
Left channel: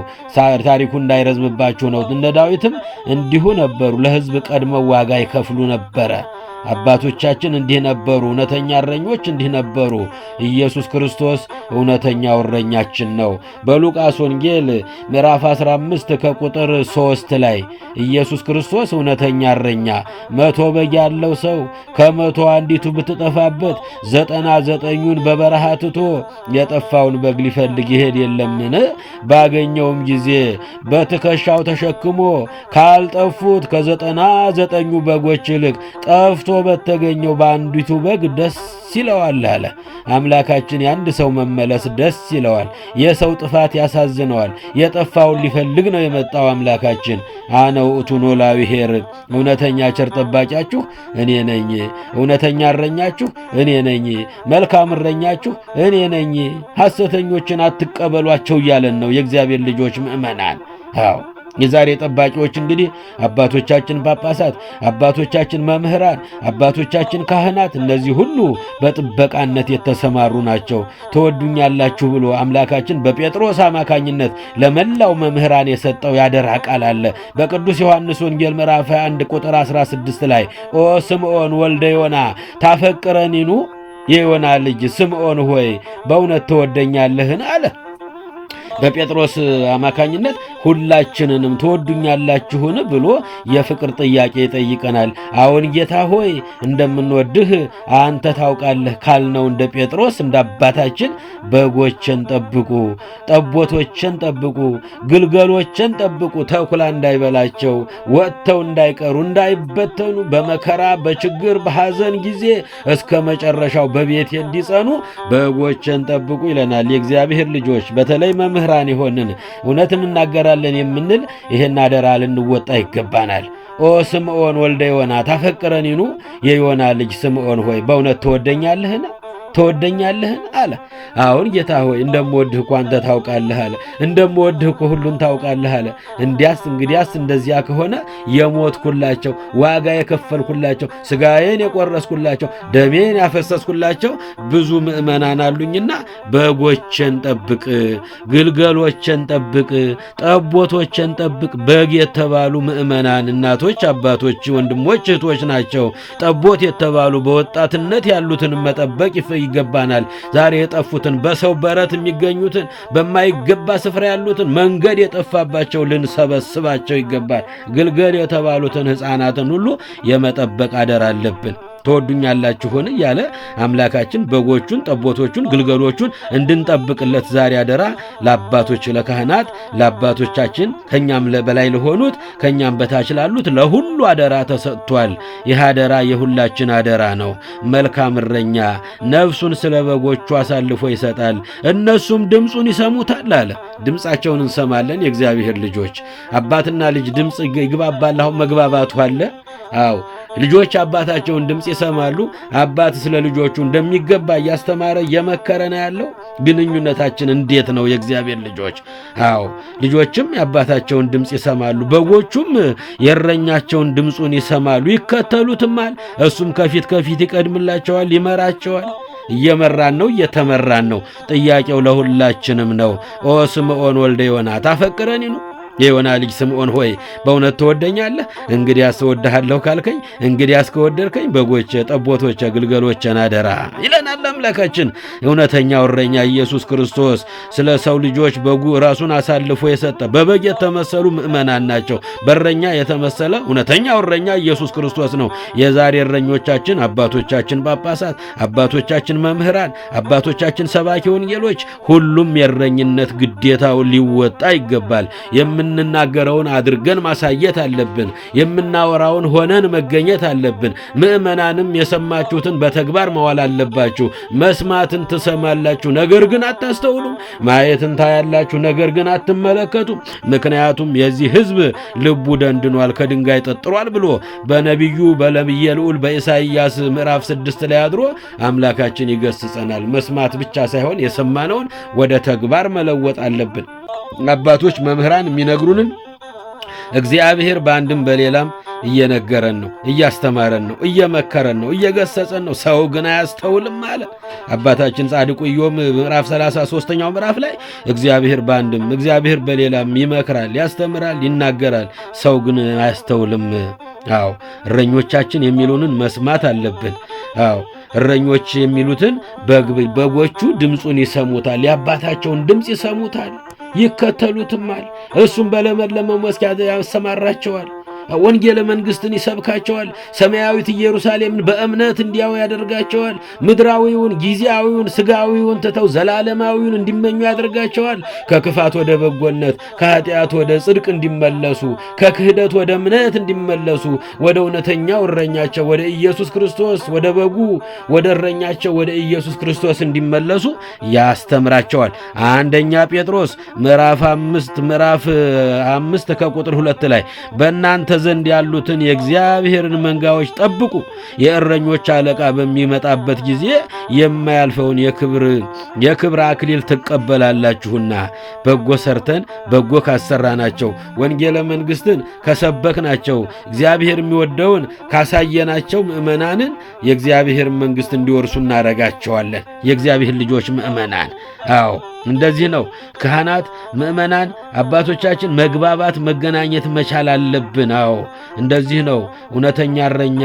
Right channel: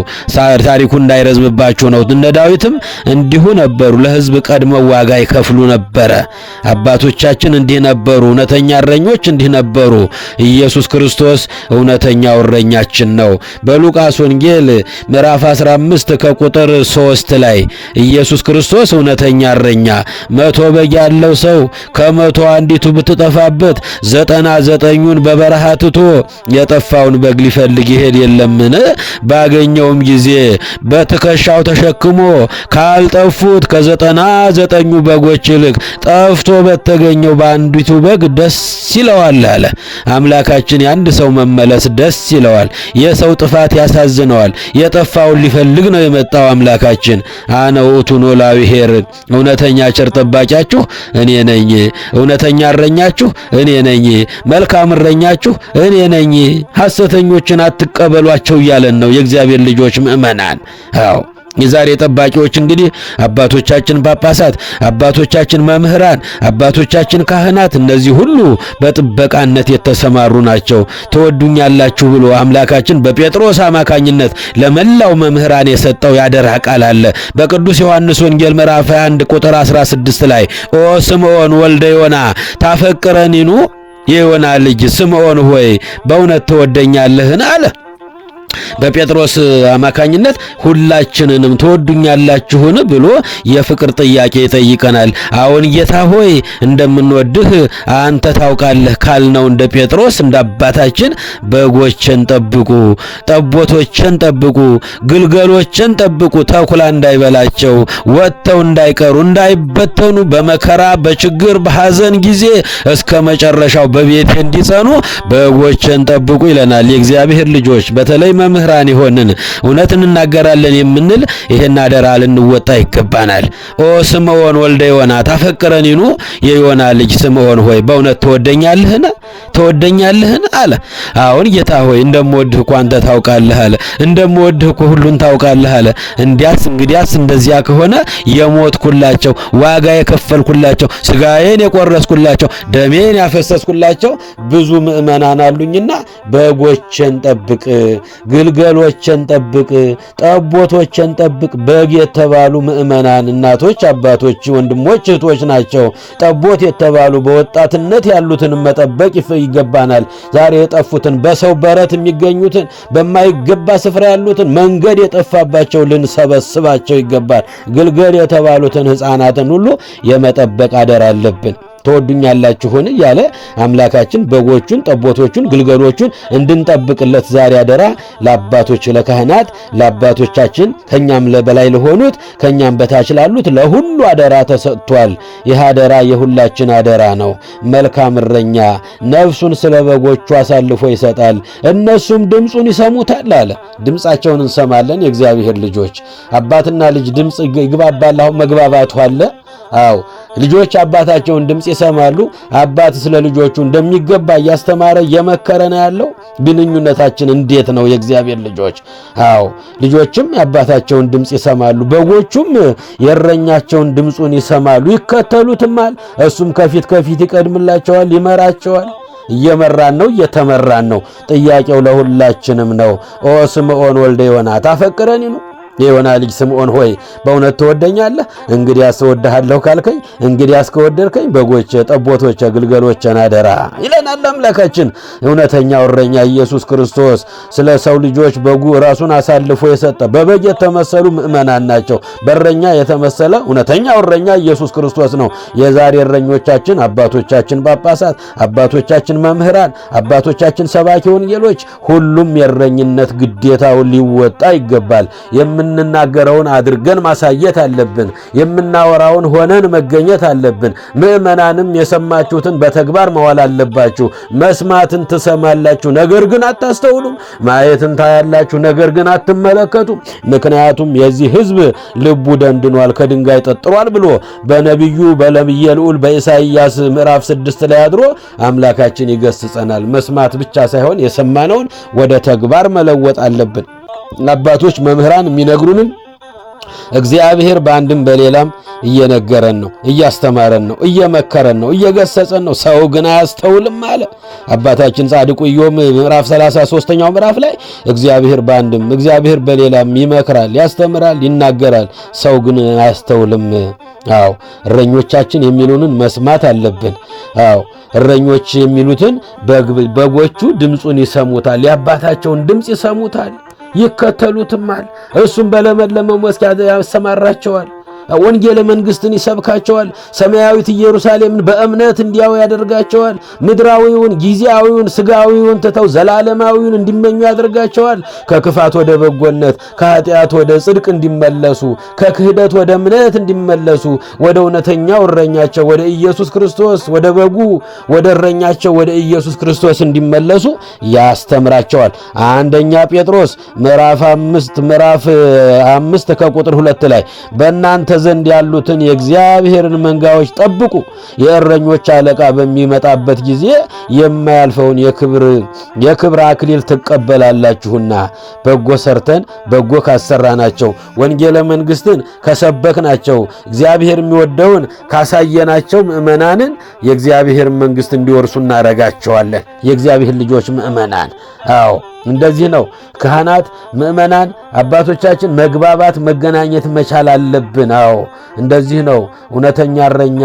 ታሪኩ እንዳይረዝምባችሁ ነው። እነ ዳዊትም እንዲሁ ነበሩ። ለሕዝብ ቀድመው ዋጋ ይከፍሉ ነበረ። አባቶቻችን እንዲህ ነበሩ። እውነተኛ እረኞች እንዲህ ነበሩ። ኢየሱስ ክርስቶስ እውነተኛው እረኛችን ነው። በሉቃስ ወንጌል ምዕራፍ 15 ከቁጥር 3 ላይ ኢየሱስ ክርስቶስ እውነተኛ እረኛ 100 በግ ያለው ሰው ከ100 አንዲቱ ብትጠፋበት 99ኙን በበረሃ ትቶ የጠፋውን በግ ሊፈልግ ይሄድ የለምን? ባገኘውም ጊዜ በትከሻው ተሸክሞ ካልጠፉት ከ99 በጎች ይልቅ ጠፍቶ በተገኘው በአንዲቱ በግ ደስ ይለዋል አለ። አምላካችን የአንድ ሰው መመለስ ደስ ይለዋል። የሰው ጥፋት ያሳዝነዋል። የጠፋውን ሊፈልግ ነው የመጣው አምላካችን። አነ ውእቱ ኖላዊ ኄር፣ እውነተኛ ቸር ጠባቂያችሁ እኔ ነኝ። እውነተኛ እረኛችሁ እኔ ነኝ። መልካም እረኛችሁ እኔ ነኝ። ሐሰተኞችን አትቀበሏቸው እያለን ነው የእግዚአብሔር ልጆች ምእመናን። አዎ የዛሬ ጠባቂዎች እንግዲህ አባቶቻችን ጳጳሳት፣ አባቶቻችን መምህራን፣ አባቶቻችን ካህናት፣ እነዚህ ሁሉ በጥበቃነት የተሰማሩ ናቸው። ትወዱኛላችሁ ብሎ አምላካችን በጴጥሮስ አማካኝነት ለመላው መምህራን የሰጠው ያደራ ቃል አለ። በቅዱስ ዮሐንስ ወንጌል ምዕራፍ 21 ቁጥር 16 ላይ ኦ ስምዖን ወልደ ዮና ታፈቅረኒኑ፣ የዮና ልጅ ስምዖን ሆይ በእውነት ትወደኛለህን አለ። በጴጥሮስ አማካኝነት ሁላችንንም ትወዱኛላችሁን ብሎ የፍቅር ጥያቄ ይጠይቀናል። አሁን ጌታ ሆይ እንደምንወድህ አንተ ታውቃለህ ካልነው እንደ ጴጥሮስ እንደ አባታችን በጎችን ጠብቁ፣ ጠቦቶችን ጠብቁ፣ ግልገሎችን ጠብቁ፣ ተኩላ እንዳይበላቸው፣ ወጥተው እንዳይቀሩ፣ እንዳይበተኑ፣ በመከራ በችግር በሐዘን ጊዜ እስከ መጨረሻው በቤቴ እንዲጸኑ በጎችን ጠብቁ ይለናል። የእግዚአብሔር ልጆች በተለይ መምህራን ይሆንን እውነት እንናገራለን የምንል ይሄን አደራ ልንወጣ ይገባናል። ኦ ስምዖን ወልደ ዮና ታፈቅረኒኑ፣ የዮና ልጅ ስምዖን ሆይ በእውነት ትወደኛለህን? ትወደኛለህን አለ። አሁን ጌታ ሆይ እንደምወድህ እኮ አንተ ታውቃለህ አለ። እንደምወድህ እኮ ሁሉን ታውቃለህ አለ። እንግዲያስ እንደዚያ ከሆነ የሞትኩላቸው፣ ዋጋ የከፈልኩላቸው፣ ስጋዬን የቆረስኩላቸው፣ ደሜን ያፈሰስኩላቸው ብዙ ምእመናን አሉኝና በጎችን ጠብቅ፣ ግልገሎችን ጠብቅ፣ ጠቦቶችን ጠብቅ። በግ የተባሉ ምእመናን እናቶች፣ አባቶች፣ ወንድሞች፣ እህቶች ናቸው። ጠቦት የተባሉ በወጣትነት ያሉትን መጠበቅ ይገባናል። ዛሬ የጠፉትን በሰው በረት የሚገኙትን በማይገባ ስፍራ ያሉትን መንገድ የጠፋባቸው ልንሰበስባቸው ይገባል። ግልገል የተባሉትን ሕፃናትን ሁሉ የመጠበቅ አደራ አለብን። ትወዱኛላችሁን እያለ አምላካችን በጎቹን፣ ጠቦቶቹን፣ ግልገሎቹን እንድንጠብቅለት ዛሬ አደራ ለአባቶች ለካህናት፣ ለአባቶቻችን ከኛም በላይ ለሆኑት ከኛም በታች ላሉት ለሁሉ አደራ ተሰጥቷል። ይህ አደራ የሁላችን አደራ ነው። መልካም እረኛ ነፍሱን ስለ በጎቹ አሳልፎ ይሰጣል፣ እነሱም ድምፁን ይሰሙታል አለ። ድምፃቸውን እንሰማለን። የእግዚአብሔር ልጆች አባትና ልጅ ድምፅ ይግባባል። አሁን መግባባቱ አለ። አዎ ልጆች አባታቸውን ድምፅ ይሰማሉ። አባት ስለ ልጆቹ እንደሚገባ እያስተማረ እየመከረ ነው ያለው። ግንኙነታችን እንዴት ነው የእግዚአብሔር ልጆች? አዎ ልጆችም የአባታቸውን ድምፅ ይሰማሉ፣ በጎቹም የእረኛቸውን ድምፁን ይሰማሉ፣ ይከተሉትማል። እሱም ከፊት ይቀድምላቸዋል፣ ይመራቸዋል። እየመራን ነው፣ እየተመራን ነው። ጥያቄው ለሁላችንም ነው። ኦ ስምዖን ወልደ ዮና ታፈቅረኒኑ፣ የዮና ልጅ ስምዖን ሆይ በእውነት ትወደኛለህ? እንግዲያስ እወድሃለሁ ካልከኝ፣ እንግዲያስ ከወደድከኝ በጎቼ፣ ጠቦቶቼ፣ ግልገሎቼን አደራ ይለናል አምላካችን። እውነተኛው እረኛ ኢየሱስ ክርስቶስ ስለ ሰው ልጆች በጉ ራሱን አሳልፎ የሰጠ በበግ የተመሰሉ ምእመናን ናቸው። በእረኛ የተመሰለ እውነተኛው እረኛ ኢየሱስ ክርስቶስ ነው። የዛሬ እረኞቻችን አባቶቻችን ጳጳሳት፣ አባቶቻችን መምህራን፣ አባቶቻችን ሰባኪ ወንጌሎች ሁሉም የእረኝነት ግዴታውን ሊወጣ ይገባል። የምንናገረውን አድርገን ማሳየት አለብን። የምናወራውን ሆነን መገኘት አለብን። ምእመናንም የሰማችሁትን በተግባር መዋል አለባችሁ። መስማትን ትሰማላችሁ፣ ነገር ግን አታስተውሉም። ማየትን ታያላችሁ፣ ነገር ግን አትመለከቱም። ምክንያቱም የዚህ ሕዝብ ልቡ ደንድኗል፣ ከድንጋይ ጠጥሯል ብሎ በነቢዩ በነቢየ ልዑል በኢሳይያስ ምዕራፍ 6 ላይ አድሮ አምላካችን ይገስጸናል። መስማት ብቻ ሳይሆን የሰማነውን ወደ ተግባር መለወጥ አለብን። አባቶች መምህራን የሚነግሩንን እግዚአብሔር በአንድም በሌላም እየነገረን ነው፣ እያስተማረን ነው፣ እየመከረን ነው፣ እየገሰጸን ነው። ሰው ግን አያስተውልም አለ አባታችን ጻድቁ ኢዮብ ምዕራፍ 33ኛው ምዕራፍ ላይ እግዚአብሔር በአንድም እግዚአብሔር በሌላም ይመክራል፣ ያስተምራል፣ ይናገራል። ሰው ግን አያስተውልም። አዎ እረኞቻችን የሚሉንን መስማት አለብን። አዎ እረኞች የሚሉትን በጎቹ ድምፁን ይሰሙታል፣ የአባታቸውን ድምፅ ይሰሙታል፣ ይከተሉትማል። እርሱም በለመለመው መስክ ያሰማራቸዋል። ወንጌለ መንግሥትን ይሰብካቸዋል። ሰማያዊት ኢየሩሳሌምን በእምነት እንዲያው ያደርጋቸዋል። ምድራዊውን ጊዜያዊውን ሥጋዊውን ትተው ዘላለማዊውን እንዲመኙ ያደርጋቸዋል። ከክፋት ወደ በጎነት፣ ከኃጢአት ወደ ጽድቅ እንዲመለሱ፣ ከክህደት ወደ እምነት እንዲመለሱ ወደ እውነተኛው እረኛቸው ወደ ኢየሱስ ክርስቶስ ወደ በጉ ወደ እረኛቸው ወደ ኢየሱስ ክርስቶስ እንዲመለሱ ያስተምራቸዋል። አንደኛ ጴጥሮስ ምዕራፍ 5 ከቁጥር 2 ላይ በእናንተ ዘንድ ያሉትን የእግዚአብሔርን መንጋዎች ጠብቁ፣ የእረኞች አለቃ በሚመጣበት ጊዜ የማያልፈውን የክብር አክሊል ትቀበላላችሁና። በጎ ሰርተን በጎ ካሰራናቸው፣ ወንጌለ መንግሥትን ከሰበክናቸው፣ እግዚአብሔር የሚወደውን ካሳየናቸው ምእመናንን የእግዚአብሔር መንግሥት እንዲወርሱ እናረጋቸዋለን። የእግዚአብሔር ልጆች ምእመናን። አዎ እንደዚህ ነው። ካህናት፣ ምእመናን፣ አባቶቻችን መግባባት መገናኘት መቻል አለብን። አዎ እንደዚህ ነው። እውነተኛ እረኛ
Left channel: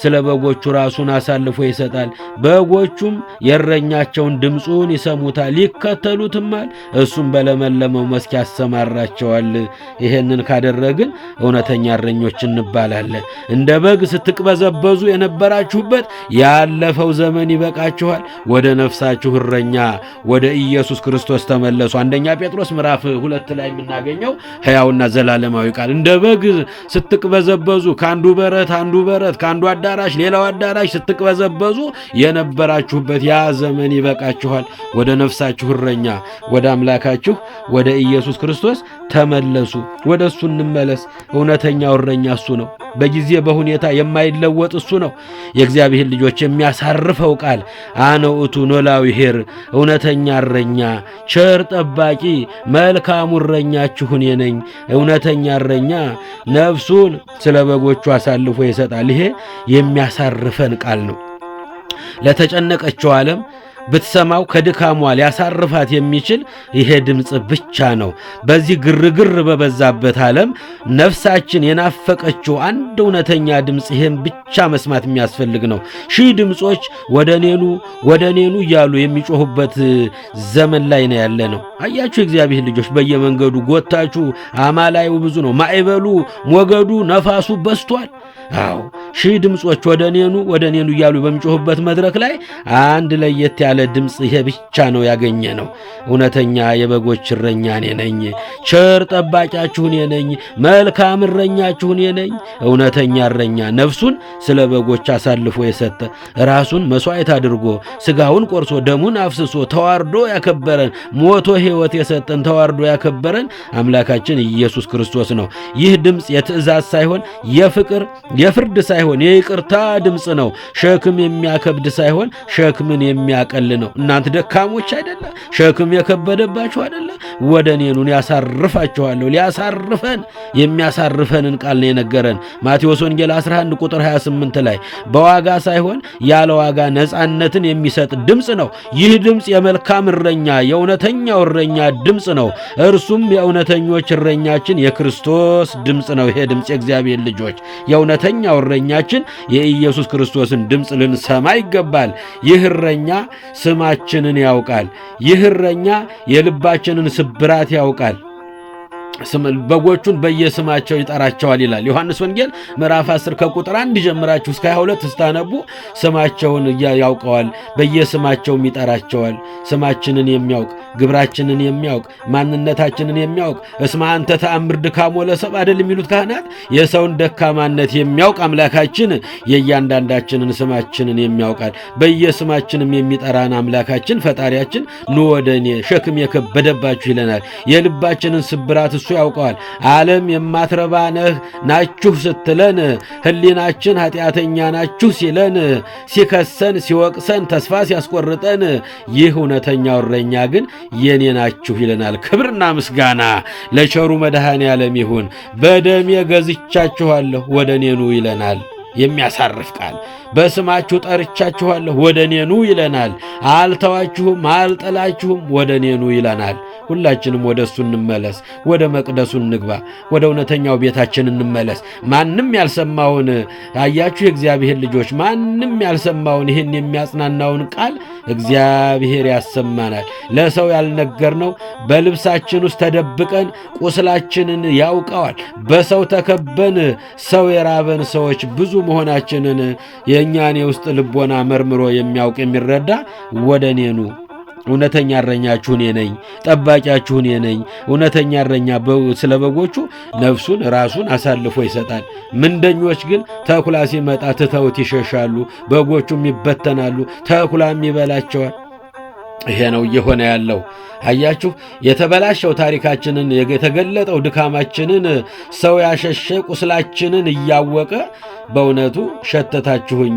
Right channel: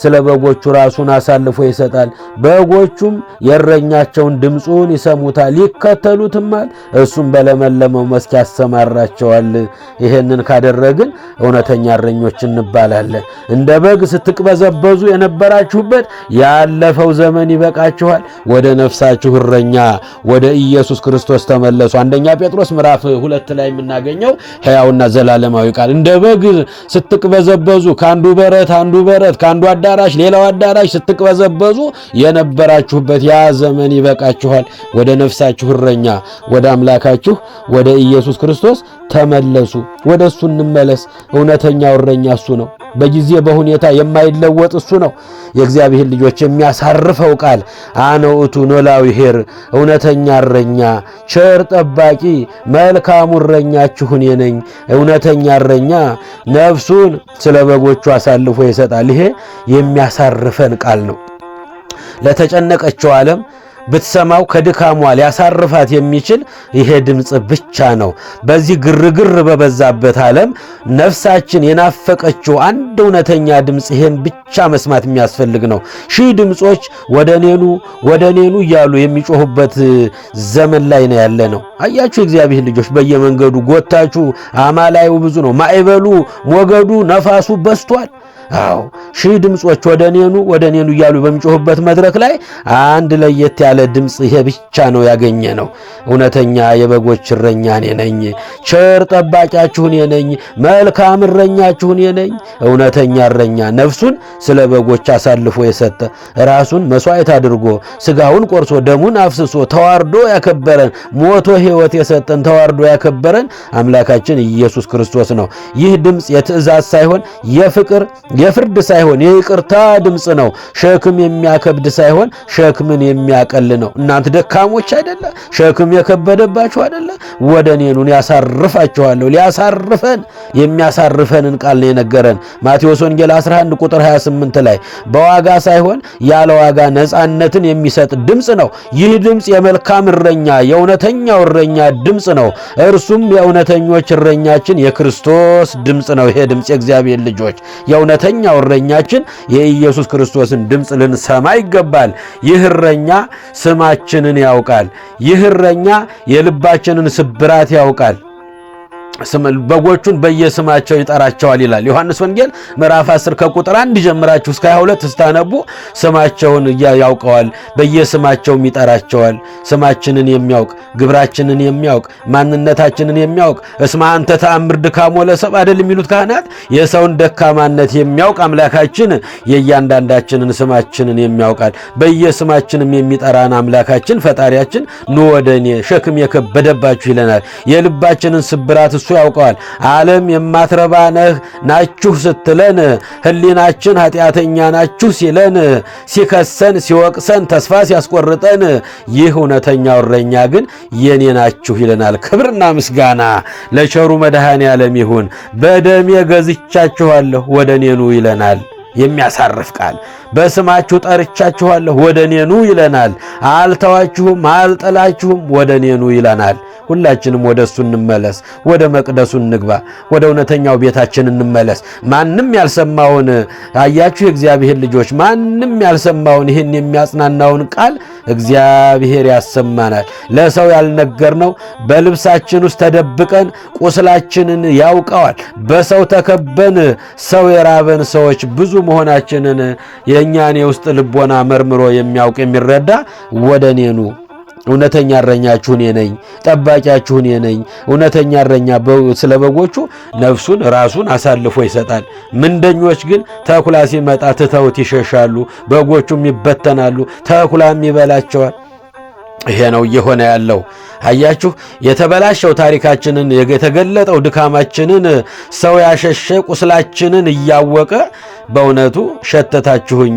ስለ በጎቹ ራሱን አሳልፎ ይሰጣል። በጎቹም የእረኛቸውን ድምፁን ይሰሙታል፣ ይከተሉትማል። እሱም በለመለመው መስክ ያሰማራቸዋል። ይሄንን ካደረግን እውነተኛ እረኞች እንባላለን። እንደ በግ ስትቅበዘበዙ የነበራችሁበት ያለፈው ዘመን ይበቃችኋል። ወደ ነፍሳችሁ እረኛ ወደ ኢየሱስ ክርስቶስ ተመለሱ። አንደኛ ጴጥሮስ ምዕራፍ 2 ላይ የምናገኘው ሕያውና ዘላለማዊ ቃል። እንደ በግ ስትቅበዘበዙ ከአንዱ በረት ከአንዱ አዳራሽ ሌላው አዳራሽ ስትቅበዘበዙ የነበራችሁበት ያ ዘመን ይበቃችኋል። ወደ ነፍሳችሁ እረኛ ወደ አምላካችሁ ወደ ኢየሱስ ክርስቶስ ተመለሱ። ወደ እሱ እንመለስ። እውነተኛው እረኛ እሱ ነው። በጊዜ በሁኔታ የማይለወጥ እሱ ነው። የእግዚአብሔር ልጆች የሚያሳርፈው ቃል አነ ውእቱ ኖላዊ ኄር፣ እውነተኛ እረኛ ቸር ጠባቂ መልካሙ እረኛችሁ እኔ ነኝ። እውነተኛ እረኛ ነፍሱን ስለ በጎቹ አሳልፎ ይሰጣል። ይሄ የሚያሳርፈን ቃል ነው። ለተጨነቀችው ዓለም ብትሰማው ከድካሟ ሊያሳርፋት የሚችል ይሄ ድምፅ ብቻ ነው። በዚህ ግርግር በበዛበት ዓለም ነፍሳችን የናፈቀችው አንድ እውነተኛ ድምፅ ይሄን ብቻ መስማት የሚያስፈልግ ነው። ሺህ ድምፆች ወደ እኔኑ እያሉ የሚጮሁበት ዘመን ላይ ነው ያለ ነው። አያችሁ የእግዚአብሔር ልጆች፣ በየመንገዱ ጎታችሁ አማላዩ ብዙ ነው። ማዕበሉ ሞገዱ ነፋሱ በስቷል። አዎ ሺህ ድምፆች ወደ እኔኑ እያሉ በሚጮሁበት መድረክ ላይ አንድ ለየት ያለ ድምፅ ይሄ ብቻ ነው ያገኘ ነው። እውነተኛ የበጎች እረኛ እኔ ነኝ፣ ቸር ጠባቂያችሁ እኔ ነኝ፣ መልካም እረኛችሁ እኔ ነኝ። እውነተኛ እረኛ ነፍሱን ስለ በጎች አሳልፎ የሰጠ ራሱን መስዋዕት አድርጎ ስጋውን ቆርሶ ደሙን አፍስሶ ተዋርዶ ያከበረን፣ ሞቶ ሕይወት የሰጠን ተዋርዶ ያከበረን አምላካችን ኢየሱስ ክርስቶስ ነው። ይህ ድምፅ የትእዛዝ ሳይሆን የፍቅር የፍርድ ሳይሆን የይቅርታ ድምፅ ነው። ሸክም የሚያከብድ ሳይሆን ሸክምን የሚያቀል ነው። እናንተ ደካሞች አይደለ? ሸክም የከበደባችሁ አይደለ? ወደ እኔ ኑ ያሳርፋችኋለሁ። ሊያሳርፈን የሚያሳርፈንን ቃል ነው የነገረን። ማቴዎስ ወንጌል 11 ቁጥር 28 ላይ በዋጋ ሳይሆን ያለ ዋጋ ነፃነትን የሚሰጥ ድምፅ ነው። ይህ ድምፅ የመልካም እረኛ የእውነተኛው እረኛ ድምፅ ነው። እርሱም የእውነተኞች እረኛችን የክርስቶስ ድምፅ ነው። ይሄ ድምፅ የእግዚአብሔር ልጆች የእውነተኛው እረኛችን የኢየሱስ ክርስቶስን ድምፅ ልንሰማ ይገባል። ይህ እረኛ ስማችንን ያውቃል። ይህ እረኛ የልባችንን ስብራት ያውቃል። በጎቹን በየስማቸው ይጠራቸዋል ይላል ዮሐንስ ወንጌል ምዕራፍ 10 ከቁጥር 1 ጀምራችሁ እስከ 22 ስታነቡ ስማቸውን ያውቀዋል፣ በየስማቸውም ይጠራቸዋል። ስማችንን የሚያውቅ ግብራችንን የሚያውቅ ማንነታችንን የሚያውቅ እስመ አንተ ተአምር ድካሞ ለሰብእ አይደል የሚሉት ካህናት፣ የሰውን ደካማነት የሚያውቅ አምላካችን የእያንዳንዳችንን ስማችንን የሚያውቃል። በየስማችንም የሚጠራን አምላካችን ፈጣሪያችን ኑ ወደ እኔ ሸክም የከበደባችሁ ይለናል። የልባችንን ስብራት እሱ ያውቀዋል። ዓለም የማትረባ ነህ ናችሁ ስትለን፣ ሕሊናችን ኃጢአተኛ ናችሁ ሲለን፣ ሲከሰን ሲወቅሰን ተስፋ ሲያስቆርጠን፣ ይህ እውነተኛው እረኛ ግን የኔ ናችሁ ይለናል። ክብርና ምስጋና ለቸሩ መድኃኔ ዓለም ይሁን። በደሜ ገዝቻችኋለሁ ወደ እኔ ኑ ይለናል። የሚያሳርፍ ቃል በስማችሁ ጠርቻችኋለሁ ወደ እኔ ኑ ይለናል። አልተዋችሁም አልጠላችሁም ወደ እኔ ኑ ይለናል። ሁላችንም ወደ እሱ እንመለስ፣ ወደ መቅደሱ እንግባ፣ ወደ እውነተኛው ቤታችን እንመለስ። ማንም ያልሰማውን አያችሁ የእግዚአብሔር ልጆች፣ ማንም ያልሰማውን ይህን የሚያጽናናውን ቃል እግዚአብሔር ያሰማናል። ለሰው ያልነገርነው በልብሳችን ውስጥ ተደብቀን ቁስላችንን ያውቀዋል። በሰው ተከበን ሰው የራበን ሰዎች ብዙ መሆናችንን የእኛን የውስጥ ልቦና መርምሮ የሚያውቅ የሚረዳ ወደ እኔ ኑ። እውነተኛ እረኛችሁ እኔ ነኝ፣ ጠባቂያችሁ እኔ ነኝ። እውነተኛ እረኛ ስለ በጎቹ ነፍሱን ራሱን አሳልፎ ይሰጣል። ምንደኞች ግን ተኩላ ሲመጣ ትተውት ይሸሻሉ፣ በጎቹም ይበተናሉ፣ ተኩላም ይበላቸዋል። ይሄ ነው እየሆነ ያለው። አያችሁ የተበላሸው ታሪካችንን የተገለጠው ድካማችንን ሰው ያሸሸ ቁስላችንን እያወቀ በእውነቱ ሸተታችሁኝ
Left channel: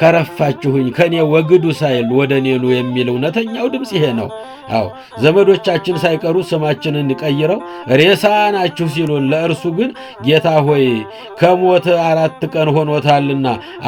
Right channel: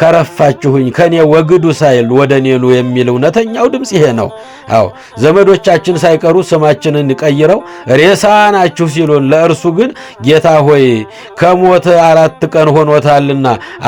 ከረፋችሁኝ ከኔ ወግዱ ሳይል ወደ እኔ ኑ የሚል እውነተኛው ድምፅ ይሄ ነው። አዎ ዘመዶቻችን ሳይቀሩ ስማችንን ቀይረው ሬሳ ናችሁ ሲሉን፣ ለእርሱ ግን ጌታ ሆይ ከሞት 4 ቀን ሆኖታልና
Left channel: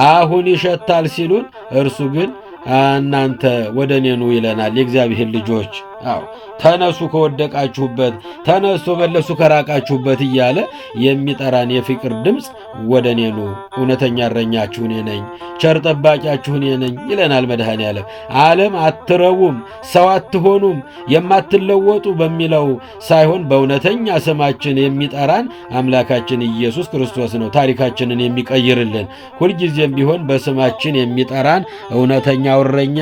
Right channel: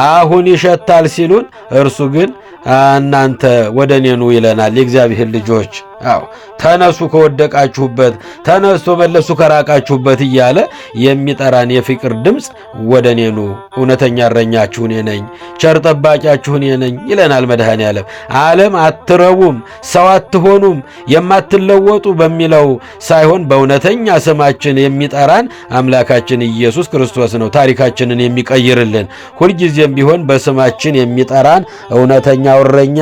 አሁን ይሸታል ሲሉን፣ እርሱ ግን እናንተ ወደ እኔ ኑ ይለናል። የእግዚአብሔር ልጆች አዎ ተነሱ ከወደቃችሁበት፣ ተነሱ መለሱ ከራቃችሁበት እያለ የሚጠራን የፍቅር ድምፅ ወደ እኔ ኑ፣ እውነተኛ እረኛችሁ እኔ ነኝ፣ ቸር ጠባቂያችሁ እኔ ነኝ ይለናል መድኃኔ ዓለም። ዓለም አትረቡም፣ ሰው አትሆኑም፣ የማትለወጡ በሚለው ሳይሆን በእውነተኛ ስማችን የሚጠራን አምላካችን ኢየሱስ ክርስቶስ ነው። ታሪካችንን የሚቀይርልን ሁልጊዜም ቢሆን በስማችን የሚጠራን እውነተኛው እረኛ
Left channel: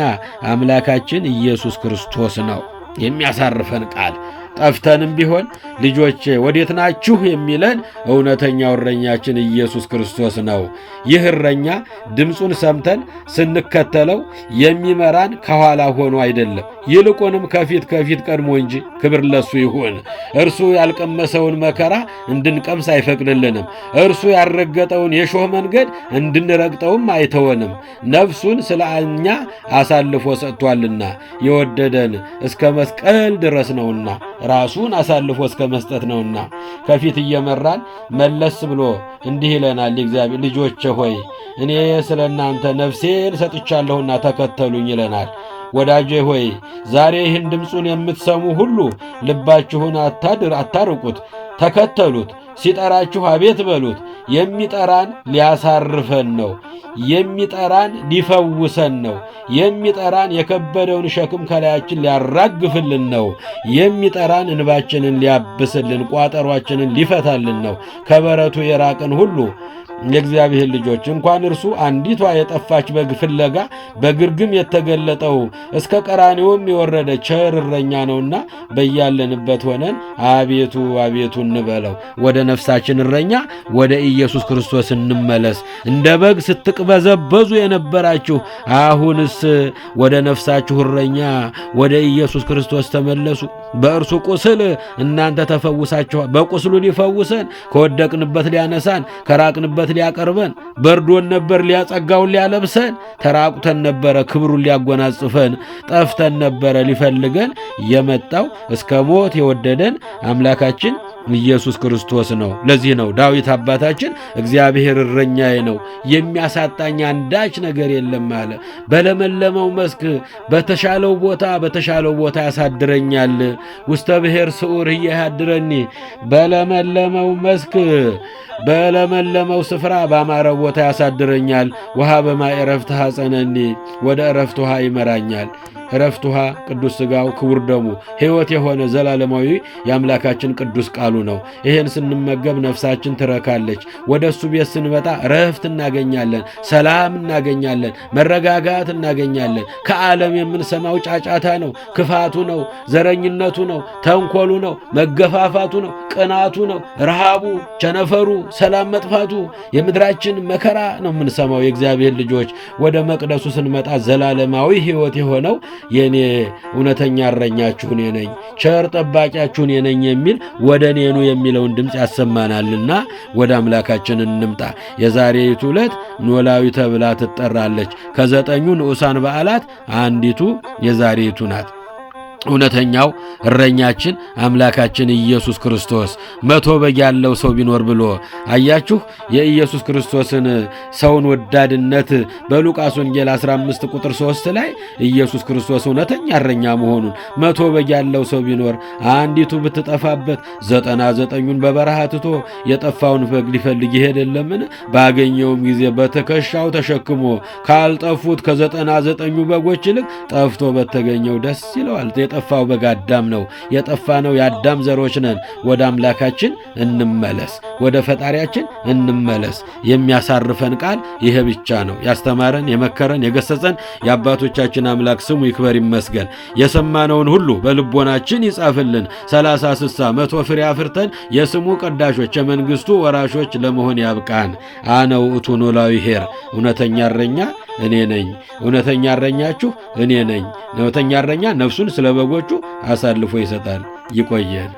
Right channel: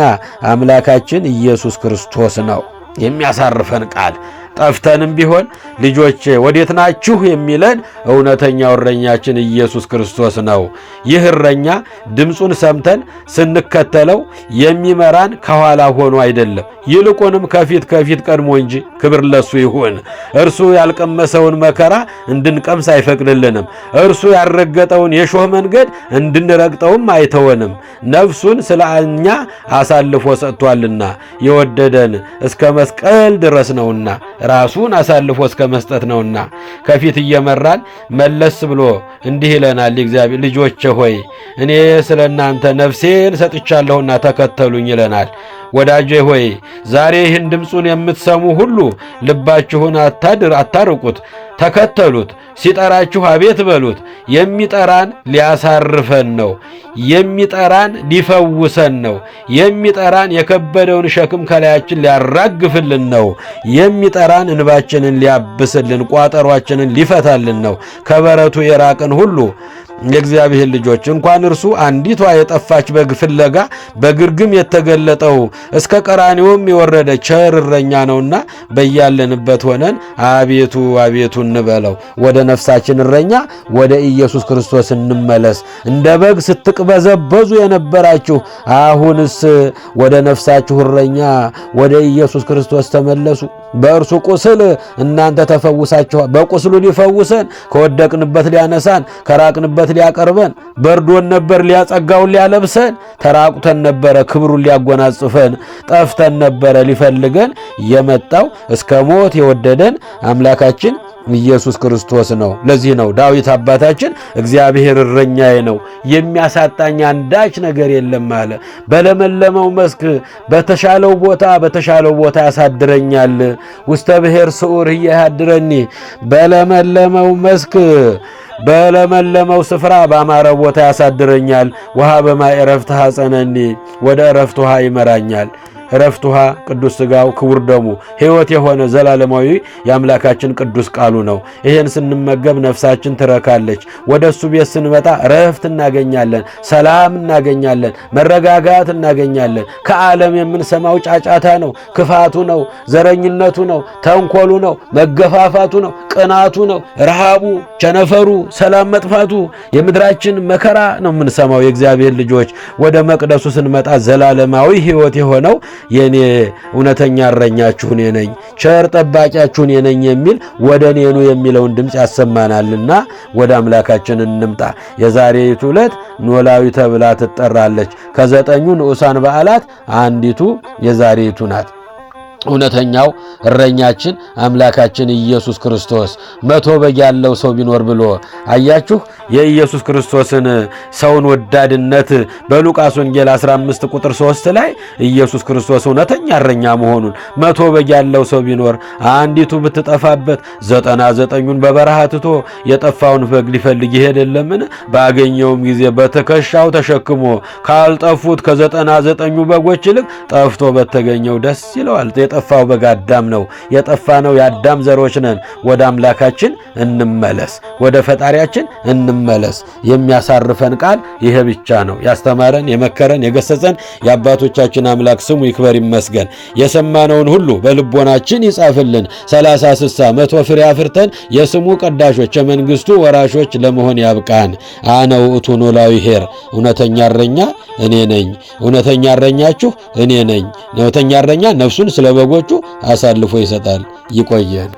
አምላካችን ኢየሱስ ክርስቶስ ነው። የሚያሳርፈን ቃል ጠፍተንም ቢሆን ልጆቼ ወዴት ናችሁ የሚለን እውነተኛው እረኛችን ኢየሱስ ክርስቶስ ነው። ይህ እረኛ ድምፁን ሰምተን ስንከተለው የሚመራን ከኋላ ሆኖ አይደለም፣ ይልቁንም ከፊት ቀድሞ እንጂ። ክብር ለሱ ይሁን። እርሱ ያልቀመሰውን መከራ እንድንቀምስ አይፈቅድልንም። እርሱ ያልረገጠውን የሾህ መንገድ እንድንረግጠውም አይተወንም። ነፍሱን ስለ እኛ አሳልፎ ሰጥቷልና የወደደን እስከ መስቀል ድረስ ነውና ራሱን አሳልፎ እስከ መስጠት ነውና ከፊት እየመራን መለስ ብሎ እንዲህ ይለናል። እግዚአብሔር ልጆቼ ሆይ እኔ ስለ እናንተ ነፍሴን ሰጥቻለሁና ተከተሉኝ ይለናል። ወዳጄ ሆይ ዛሬ ይህን ድምፁን የምትሰሙ ሁሉ ልባችሁን አታርቁት፣ ተከተሉት። ሲጠራችሁ አቤት በሉት። የሚጠራን ሊያሳርፈን ነው። የሚጠራን ሊፈውሰን ነው። የሚጠራን የከበደውን ሸክም ከላያችን ሊያራግፍልን ነው። የሚጠራን እንባችንን ሊያብስልን፣ ቋጠሯችንን ሊፈታልን ነው። ከበረቱ የራቅን ሁሉ የእግዚአብሔር ልጆች እንኳን እርሱ አንዲቷ የጠፋች በግ ፍለጋ በግርግም የተገለጠው እስከ ቀራንዮም የወረደ ቸር እረኛ ነውና በያለንበት ሆነን አቤቱ አቤቱ እንበለው። ወደ ነፍሳችን እረኛ ወደ ኢየሱስ ክርስቶስ እንመለስ። እንደ በግ ስትቅበዘበዙ የነበራችሁ አሁንስ ወደ ነፍሳችሁ እረኛ ወደ ኢየሱስ ክርስቶስ ተመለሱ። በእርሱ ቁስል እናንተ ተፈውሳችኋል። በቁስሉ ሊፈውሰን፣ ከወደቅንበት ሊያነሳን፣ ከራቅንበት ሊያቀርበን፣ በርዶን ነበር ሊያጸጋውን ሊያለብሰን፣ ተራቁተን ነበረ ክብሩን ሊያጎናጽፈን፣ ጠፍተን ነበረ ሊፈልገን የመጣው እስከ ሞት የወደደን አምላካችን ኢየሱስ ክርስቶስ ነው። ለዚህ ነው ዳዊት አባታችን እግዚአብሔር እረኛዬ ነው የሚያሳጣኝ አንዳች ነገር የለም አለ። በለመለመው መስክ በተሻለው ቦታ ያሳድረኛል። ውስተ ብሔር ስዑር እያድረኒ በለመለመው መስክ በለመለመው ስፍራ ባማረ ቦታ ያሳድረኛል። ውሃ በማይ ዕረፍት ሐፀነኒ ወደ ዕረፍት ውሃ ይመራኛል። ዕረፍት ውሃ ቅዱስ ሥጋው ክቡር ደሙ ሕይወት የሆነ ዘላለማዊ የአምላካችን ቅዱስ ቃሉ ነው። ይሄን ስንመገብ ነፍሳችን ትረካለች። ወደ እሱ ቤት ስንመጣ ረፍት እናገኛለን፣ ሰላም እናገኛለን፣ መረጋጋት እናገኛለን። ከዓለም የምንሰማው ጫጫታ ነው፣ ክፋቱ ነው፣ ዘረኝነቱ ነው፣ ተንኮሉ ነው፣ መገፋፋቱ ነው፣ ቅናቱ ነው፣ ረሃቡ፣ ቸነፈሩ፣ ሰላም መጥፋቱ፣ የምድራችን መከራ ነው የምንሰማው። የእግዚአብሔር ልጆች ወደ መቅደሱ ስንመጣ ዘላለማዊ ሕይወት የሆነው የኔ እውነተኛ እረኛችሁ እኔ ነኝ፣ ቸር ጠባቂያችሁ እኔ ነኝ የሚል ወደ እኔኑ የሚለውን ድምፅ ያሰማናልና ወደ አምላካችን እንምጣ። የዛሬይቱ ዕለት ኖላዊ ተብላ ትጠራለች። ከ9 ንዑሳን በዓላት አንዲቱ የዛሬይቱ ናት። እውነተኛው እረኛችን አምላካችን ኢየሱስ ክርስቶስ 100 በግ ያለው ሰው ቢኖር ብሎ አያችሁ። የኢየሱስ ክርስቶስን ሰውን ወዳድነት በሉቃስ ወንጌል 15 ቁጥር 3 ላይ ኢየሱስ ክርስቶስ እውነተኛ እረኛ መሆኑን 100 በግ ያለው ሰው ቢኖር አንዲቱ ብትጠፋበት 99ን በበረሃ ትቶ የጠፋውን በግ ሊፈልግ ይሄድ የለምን? ባገኘውም ጊዜ በትከሻው ተሸክሞ ካልጠፉት ከ99ኙ በጎች ይልቅ ጠፍቶ በተገኘው ደስ ይለዋል። የጠፋው በግ አዳም ነው። የጠፋነው የአዳም ዘሮች ነን። ወደ አምላካችን እንመለስ፣ ወደ ፈጣሪያችን እንመለስ። የሚያሳርፈን ቃል ይሄ ብቻ ነው። ያስተማረን፣ የመከረን፣ የገሰጸን የአባቶቻችን አምላክ ስሙ ይክበር ይመስገን። የሰማነውን ሁሉ በልቦናችን ይጻፍልን። 30፣ 60፣ 100 ፍሬ አፍርተን የስሙ ቀዳሾች የመንግስቱ ወራሾች ለመሆን ያብቃን። አነ ውእቱ ኖላዊ ኄር፣ እውነተኛ እረኛ እኔ ነኝ። እውነተኛ እረኛችሁ እኔ ነኝ። እውነተኛ እረኛ ነፍሱን ስለ በጎቹ አሳልፎ ይሰጣል። ይቆየን።